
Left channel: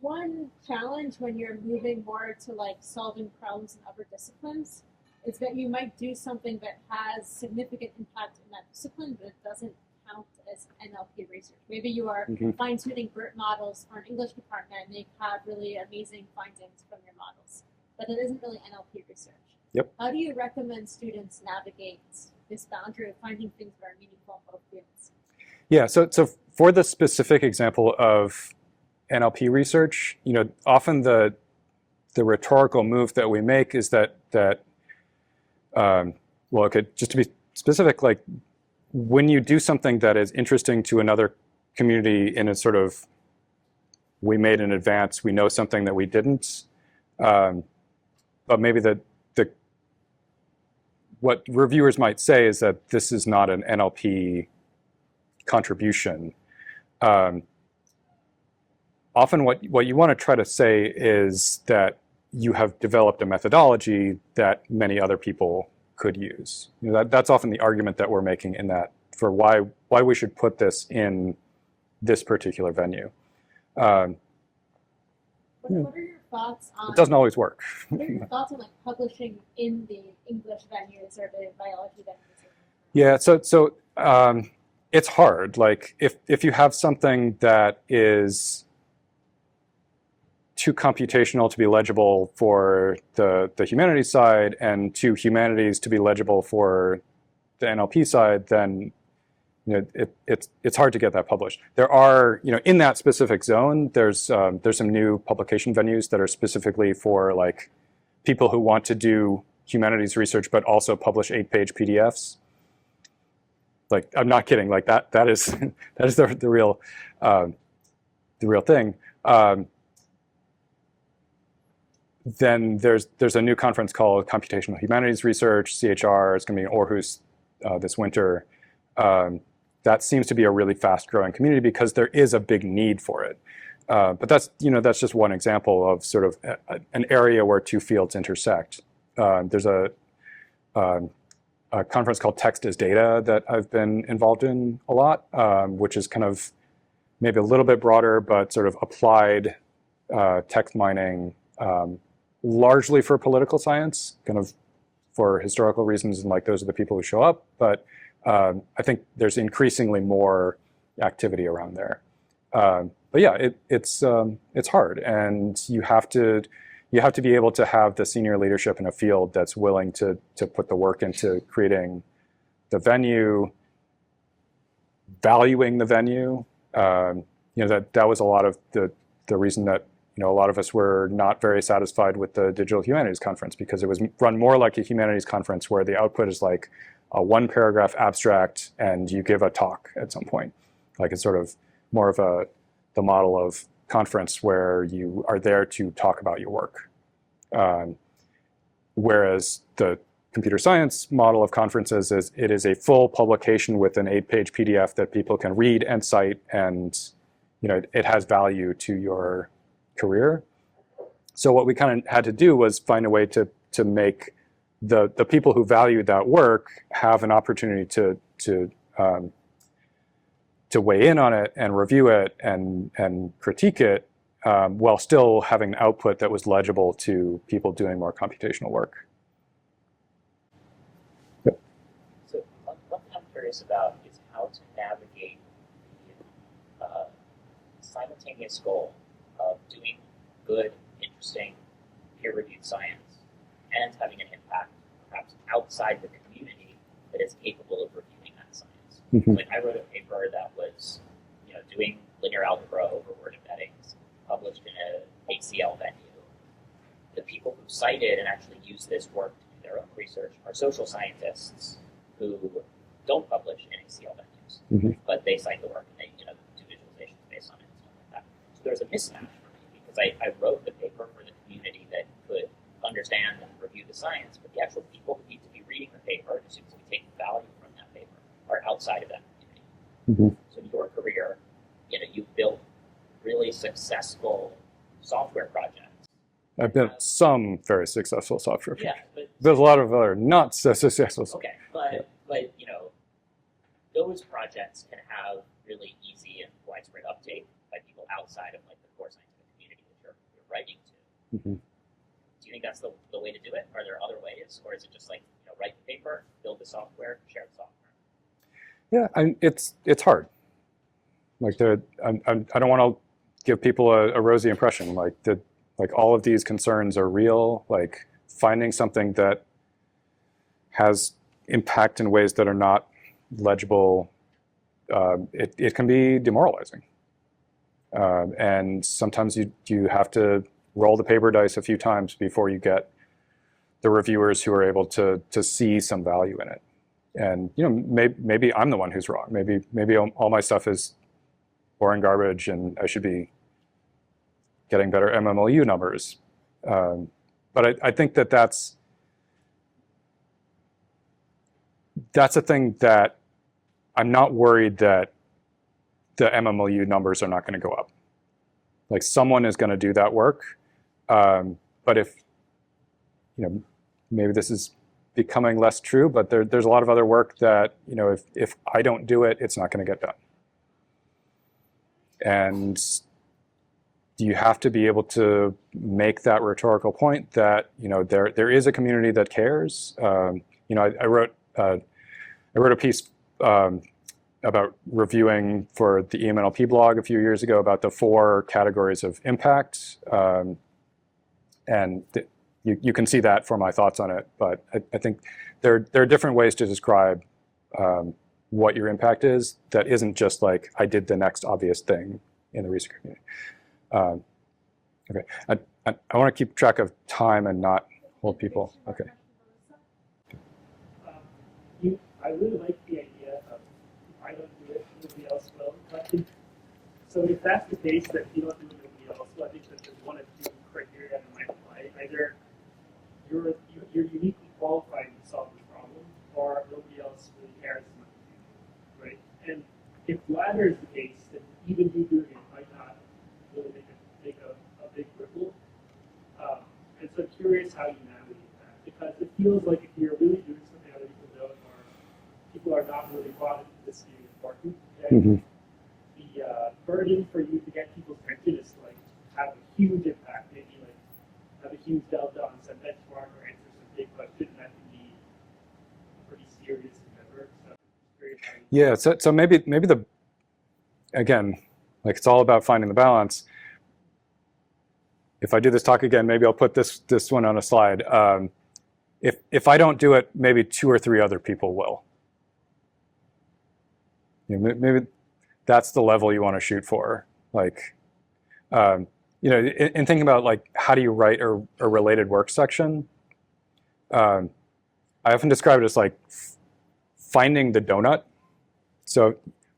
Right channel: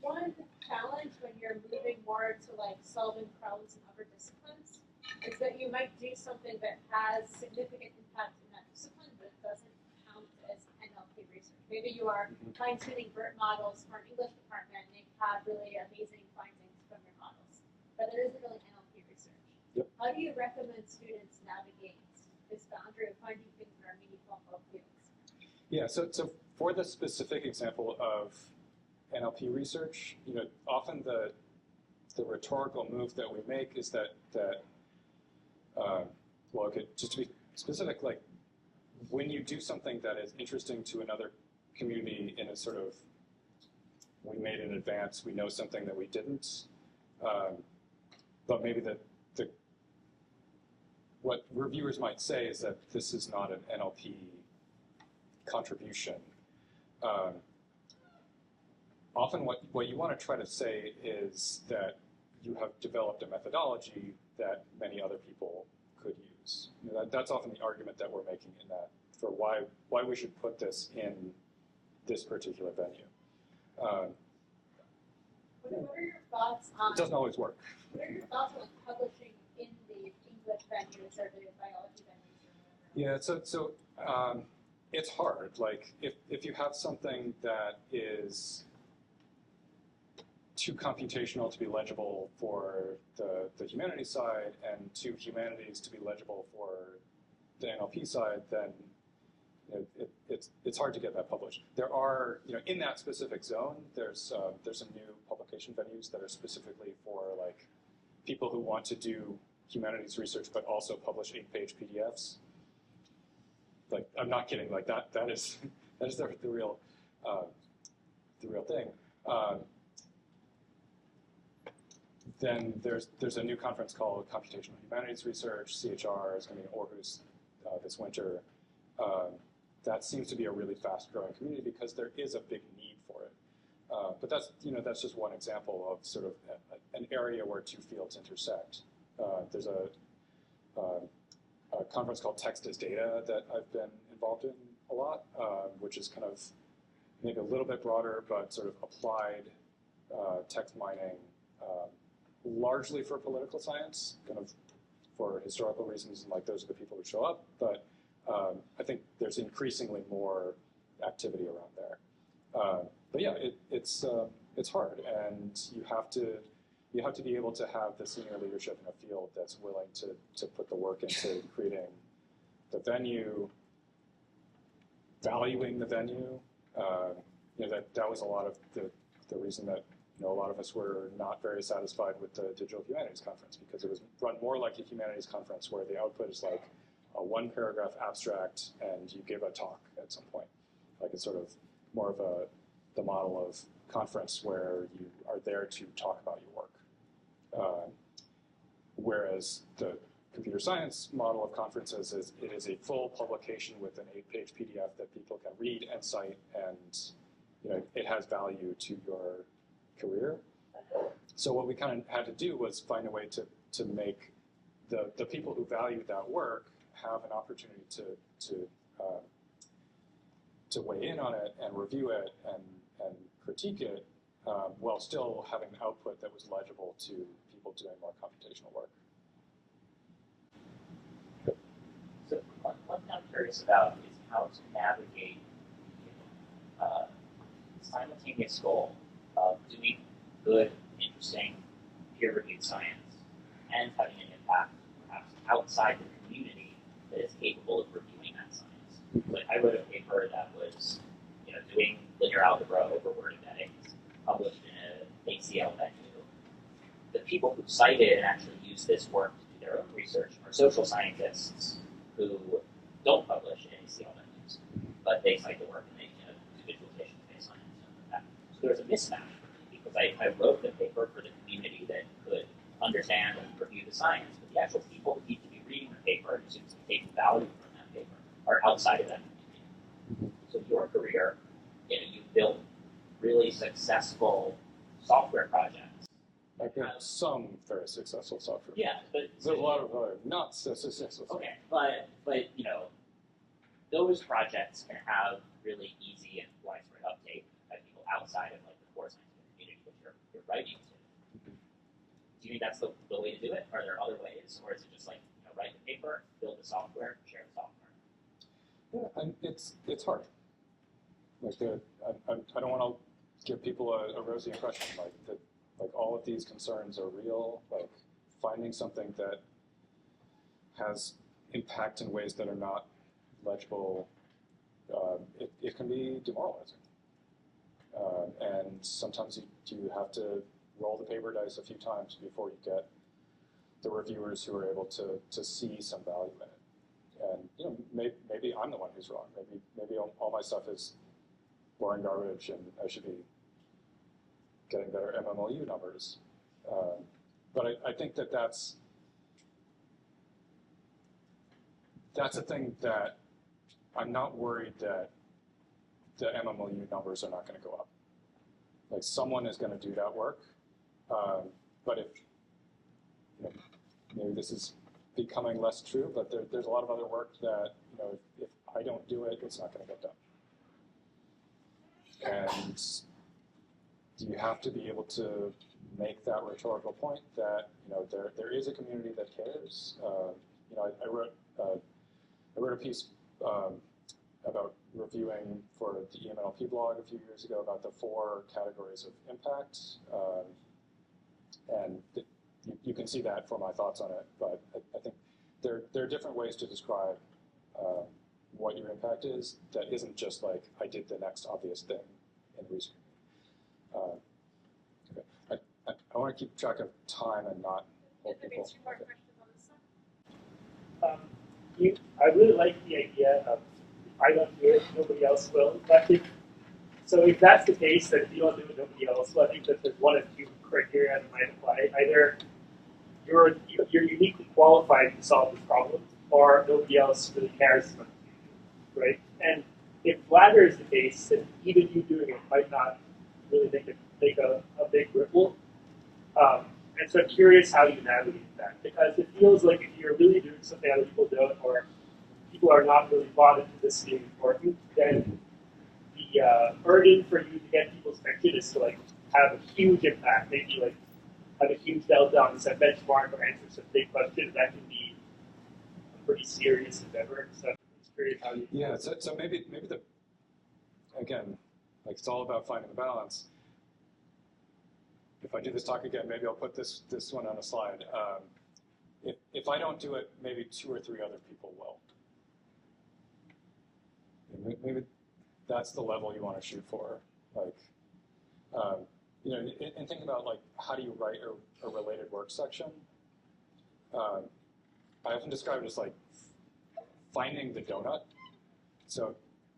one challenge when you're moving more to like solving problems in other disciplines is that you might do something that has significant impact in that discipline, but it doesn't count as NLP research. Maybe you are fine-tuning BERT models for an English department and you have really amazing findings from your models, but it isn't really NLP research. Yep. How do you recommend students navigate this boundary of finding things that are meaningful in both fields? Yeah, so for the specific example of NLP research, you know, often the rhetorical move that we make is that well, okay, just to be specific, like when you do something that is interesting to another community in a sort of, we made an advance, we know something that we didn't, but maybe what reviewers might say is that this is not an NLP contribution. Often what you want to try to say is that you have developed a methodology that many other people could use. You know, that's often the argument that we're making in that for why we should put this in this particular venue. What are your thoughts on? It doesn't always work. What are your thoughts on like publishing in the English venues or the biology venues? Yeah, so it's hard. Like if you have something that is too computational to be legible for the humanities side and too humanities to be legible for the NLP side, then you know it's hard to get that published. There are, you know, in that specific zone, there's some new publication venues that are specifically for like people who want to do humanities research but also publish 8-page PDFs. Like, I'm not kidding. Like that is the real thing. Then there's a new conference called Computational Humanities Research, CHR. It's going to be in Aarhus this winter. That seems to be a really fast-growing community because there is a big need for it. But that's just one example of sort of an area where two fields intersect. There's a conference called Text as Data that I've been involved in a lot, which is kind of maybe a little bit broader, but sort of applied text mining, largely for political science, kind of for historical reasons, and like those are the people who show up. But I think there's increasingly more activity around there. But yeah, it's hard, and you have to be able to have the senior leadership in a field that's willing to put the work into creating the venue, valuing the venue. You know, that was a lot of the reason that, you know, a lot of us were not very satisfied with the Digital Humanities Conference, because it was run more like a humanities conference where the output is like a 1-paragraph abstract and you give a talk at some point. Like, it's sort of more of the model of conference where you are there to talk about your work. Whereas the computer science model of conferences is it is a full publication with an 8-page PDF that people can read and cite, and you know, it has value to your career. So what we kind of had to do was find a way to make the people who valued that work have an opportunity to weigh in on it and review it and critique it, while still having an output that was legible to people doing more computational work. Yep. So one thing I'm curious about is how to navigate the simultaneous goal of doing good, interesting, peer-reviewed science and having an impact perhaps outside the community that is capable of reviewing that science. Mhm. Like I wrote a paper that was, doing linear algebra over word embeddings, published in an ACL venue. The people who cite it and actually use this work to do their own research are social scientists who don't publish in ACL venues, Mhm. but they cite the work and they, do visualizations based on it and stuff like that. So there's a mismatch for me because I wrote the paper for the community that could understand and review the science, but the actual people who need to be reading the paper and seems to be taking value from that paper are outside of that community. Mhm. So your career, you've built really successful software projects. I've built some very successful software. Yeah, but There's a lot of other not so successful. okay, but those projects can have really easy and widespread uptake by people outside of like the core scientific community that you're writing to. Mhm. Do you think that's the way to do it? Are there other ways, or is it just like write the paper, build the software, share the software? Yeah, it's hard. Like I don't want to give people a rosy impression. Like all of these concerns are real. Like finding something that has impact in ways that are not legible, it can be demoralizing. And sometimes you have to roll the paper dice a few times before you get the reviewers who are able to see some value in it. And maybe I'm the one who's wrong. Maybe all my stuff is boring garbage, and I should be getting better MMLU numbers. But I think that's a thing that I'm not worried that the MMLU numbers are not going to go up. Like someone is going to do that work. But if, maybe this is becoming less true, but there's a lot of other work that, if I don't do it, it's not going to get done. And you have to be able to make that rhetorical point that, there is a community that cares. I wrote a piece about reviewing for the EMNLP blog a few years ago about the 4 categories of impact. And you can see that for my thoughts on it. But I think there are different ways to describe what your impact is that isn't just like, I did the next obvious thing in the research community. Okay, I want to keep track of time and not hold people. Okay. I really like the idea of I don't do it, nobody else will. I think so. If that's the case, that you don't do it, nobody else will. I think that there's one of 2 criteria that might apply. Either you're uniquely qualified to solve this problem, or nobody else really cares about it, right? And if latter is the case, then even you doing it might not really make a big ripple. And so I'm curious how you navigate that, because it feels like if you're really doing something other people don't, or people are not really bought into this being important, then the burden for you to get people's attention is to like have a huge impact, maybe like have a huge delta on some benchmark or answer some big questions. That can be a pretty serious endeavor. So I'm just curious how you. Yeah. So maybe again, like it's all about finding the balance. If I do this talk again, maybe I'll put this one on a slide. If I don't do it, maybe 2 or 3 other people will. Maybe that's the level you want to shoot for. Like, in thinking about like how do you write a related work section, I often describe it as like finding the donut. So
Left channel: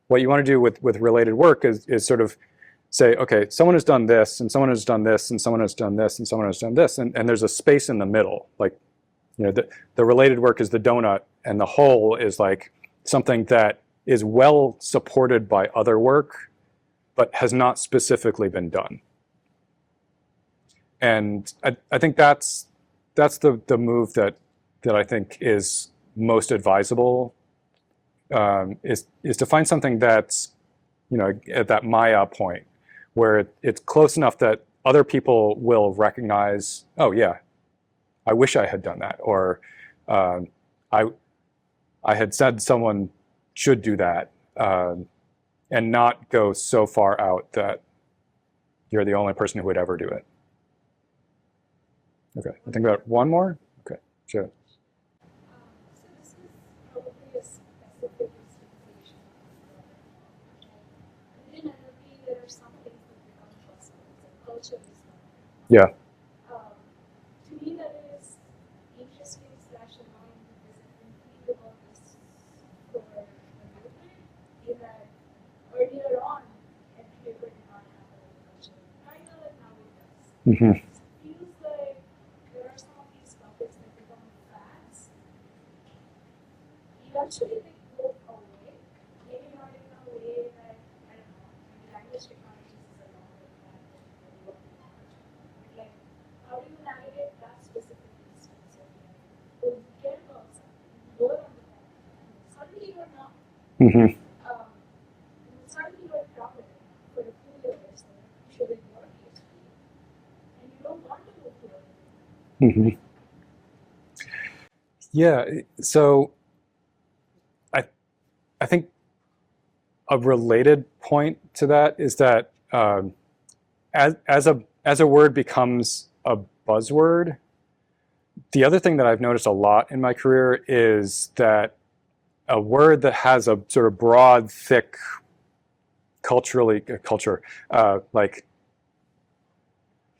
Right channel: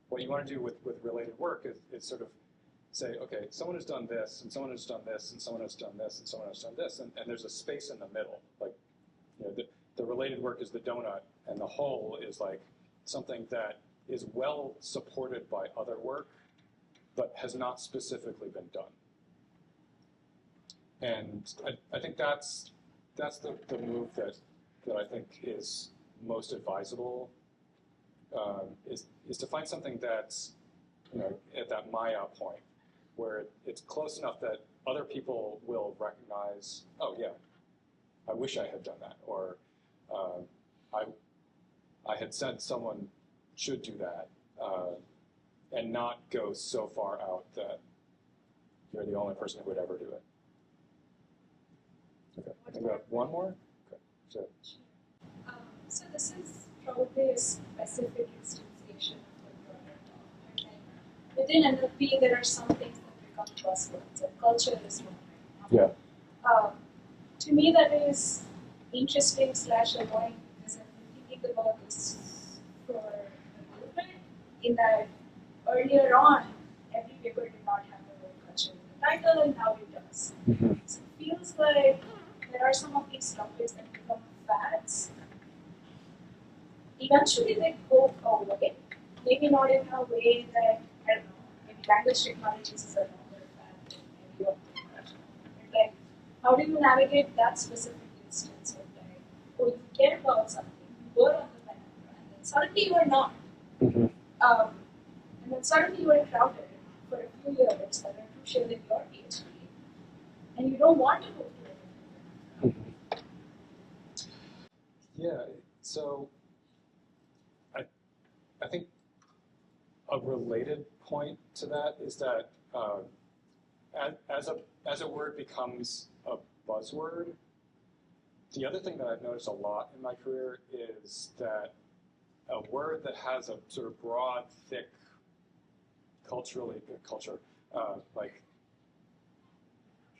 what you want to do with related work is sort of say, okay, someone has done this, and someone has done this, and someone has done this, and someone has done this, and there's a space in the middle. Like, the related work is the donut, and the whole is like something that is well supported by other work, but has not specifically been done. And I think that's the move that I think is most advisable, is to find something that's, at that Maya point, where it's close enough that other people will recognize, oh yeah, I wish I had done that, or I had said someone should do that, and not go so far out that you're the only person who would ever do it. Okay, I think about one more. Okay, sure. So this is probably a specific instantiation then end up being there are some things that become buzzwords, and culture is one. Yeah. To me, that is interesting / annoying because I've been thinking about this for a little bit. In that earlier on, every paper did not have the word culture in the title, and now it does. Mm-hmm. So it feels like there are some of these topics that become fads. Eventually, they go away. Maybe not in a way that, I don't know, maybe language technologies is a longer fad. Maybe like, how do you navigate that specific instance of like, oh, you care about something, you were on the path, and then suddenly you are not. Mm-hmm. And then suddenly you are crowded for a few years that are crucial in your PhD, and you don't want to go through it. Mm-hmm. Yeah, so I think a related point to that is that as a word becomes a buzzword, the other thing that I've noticed a lot in my career is that a word that has a sort of broad, thick, like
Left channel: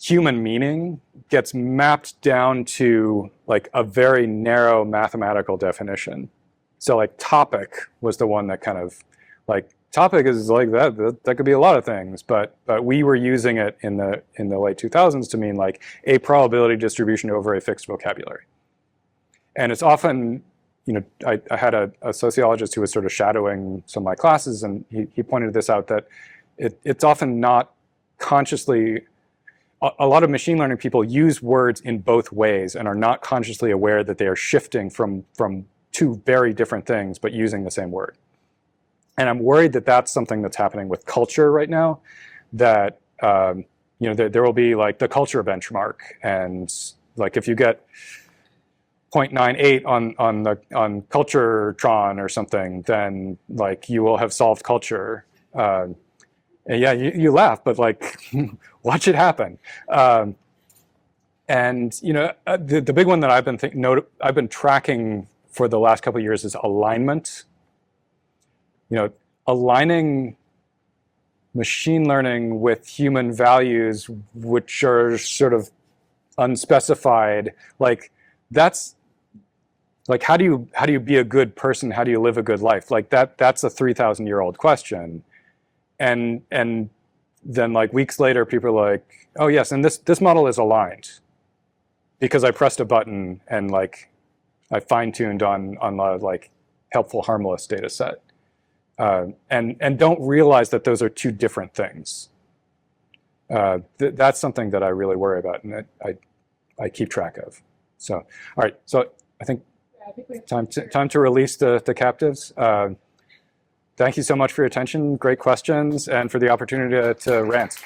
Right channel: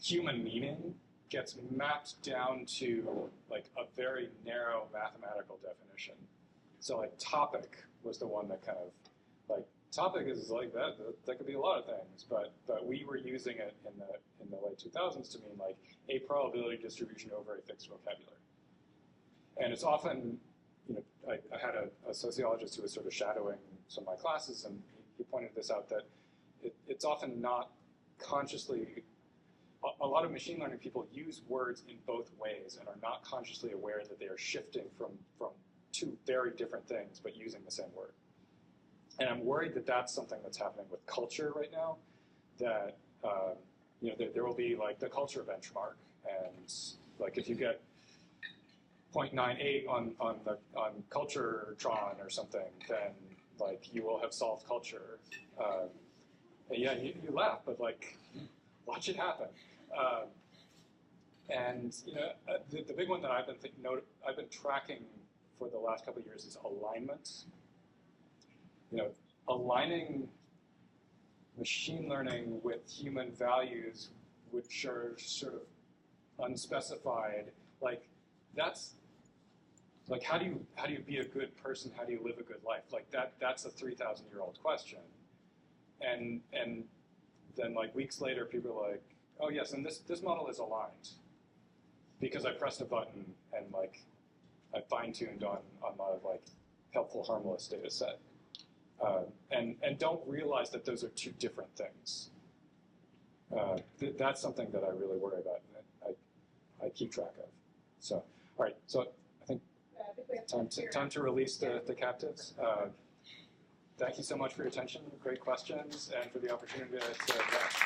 human meaning gets mapped down to like a very narrow mathematical definition. So like topic was the one that kind of like topic is like that could be a lot of things, but we were using it in the late 2000s to mean like a probability distribution over a fixed vocabulary. And it's often, you know, I had a sociologist who was sort of shadowing some of my classes, and he pointed this out that it's often not consciously, a lot of machine learning people use words in both ways and are not consciously aware that they are shifting from two very different things, but using the same word. And I'm worried that that's something that's happening with culture right now, that you know, there will be like the culture benchmark, and like if you get 0.98 on Culturetron or something, then like you will have solved culture. And yeah, you laugh, but like watch it happen. And you know, the big one that I've been tracking for the last couple of years is alignment. You know, aligning machine learning with human values, which are sort of unspecified. Like that's like, how do you be a good person? How do you live a good life? Like that's a 3,000-year-old question. And then like weeks later, people are like, oh yes, and this model is aligned because I pressed a button and like I fine-tuned on the like helpful, harmless data set. And don't realize that those are two different things. That's something that I really worry about, and that I keep track of. So, all right. So I think time to release the captives. Thank you so much for your attention. Great questions, and for the opportunity to rant.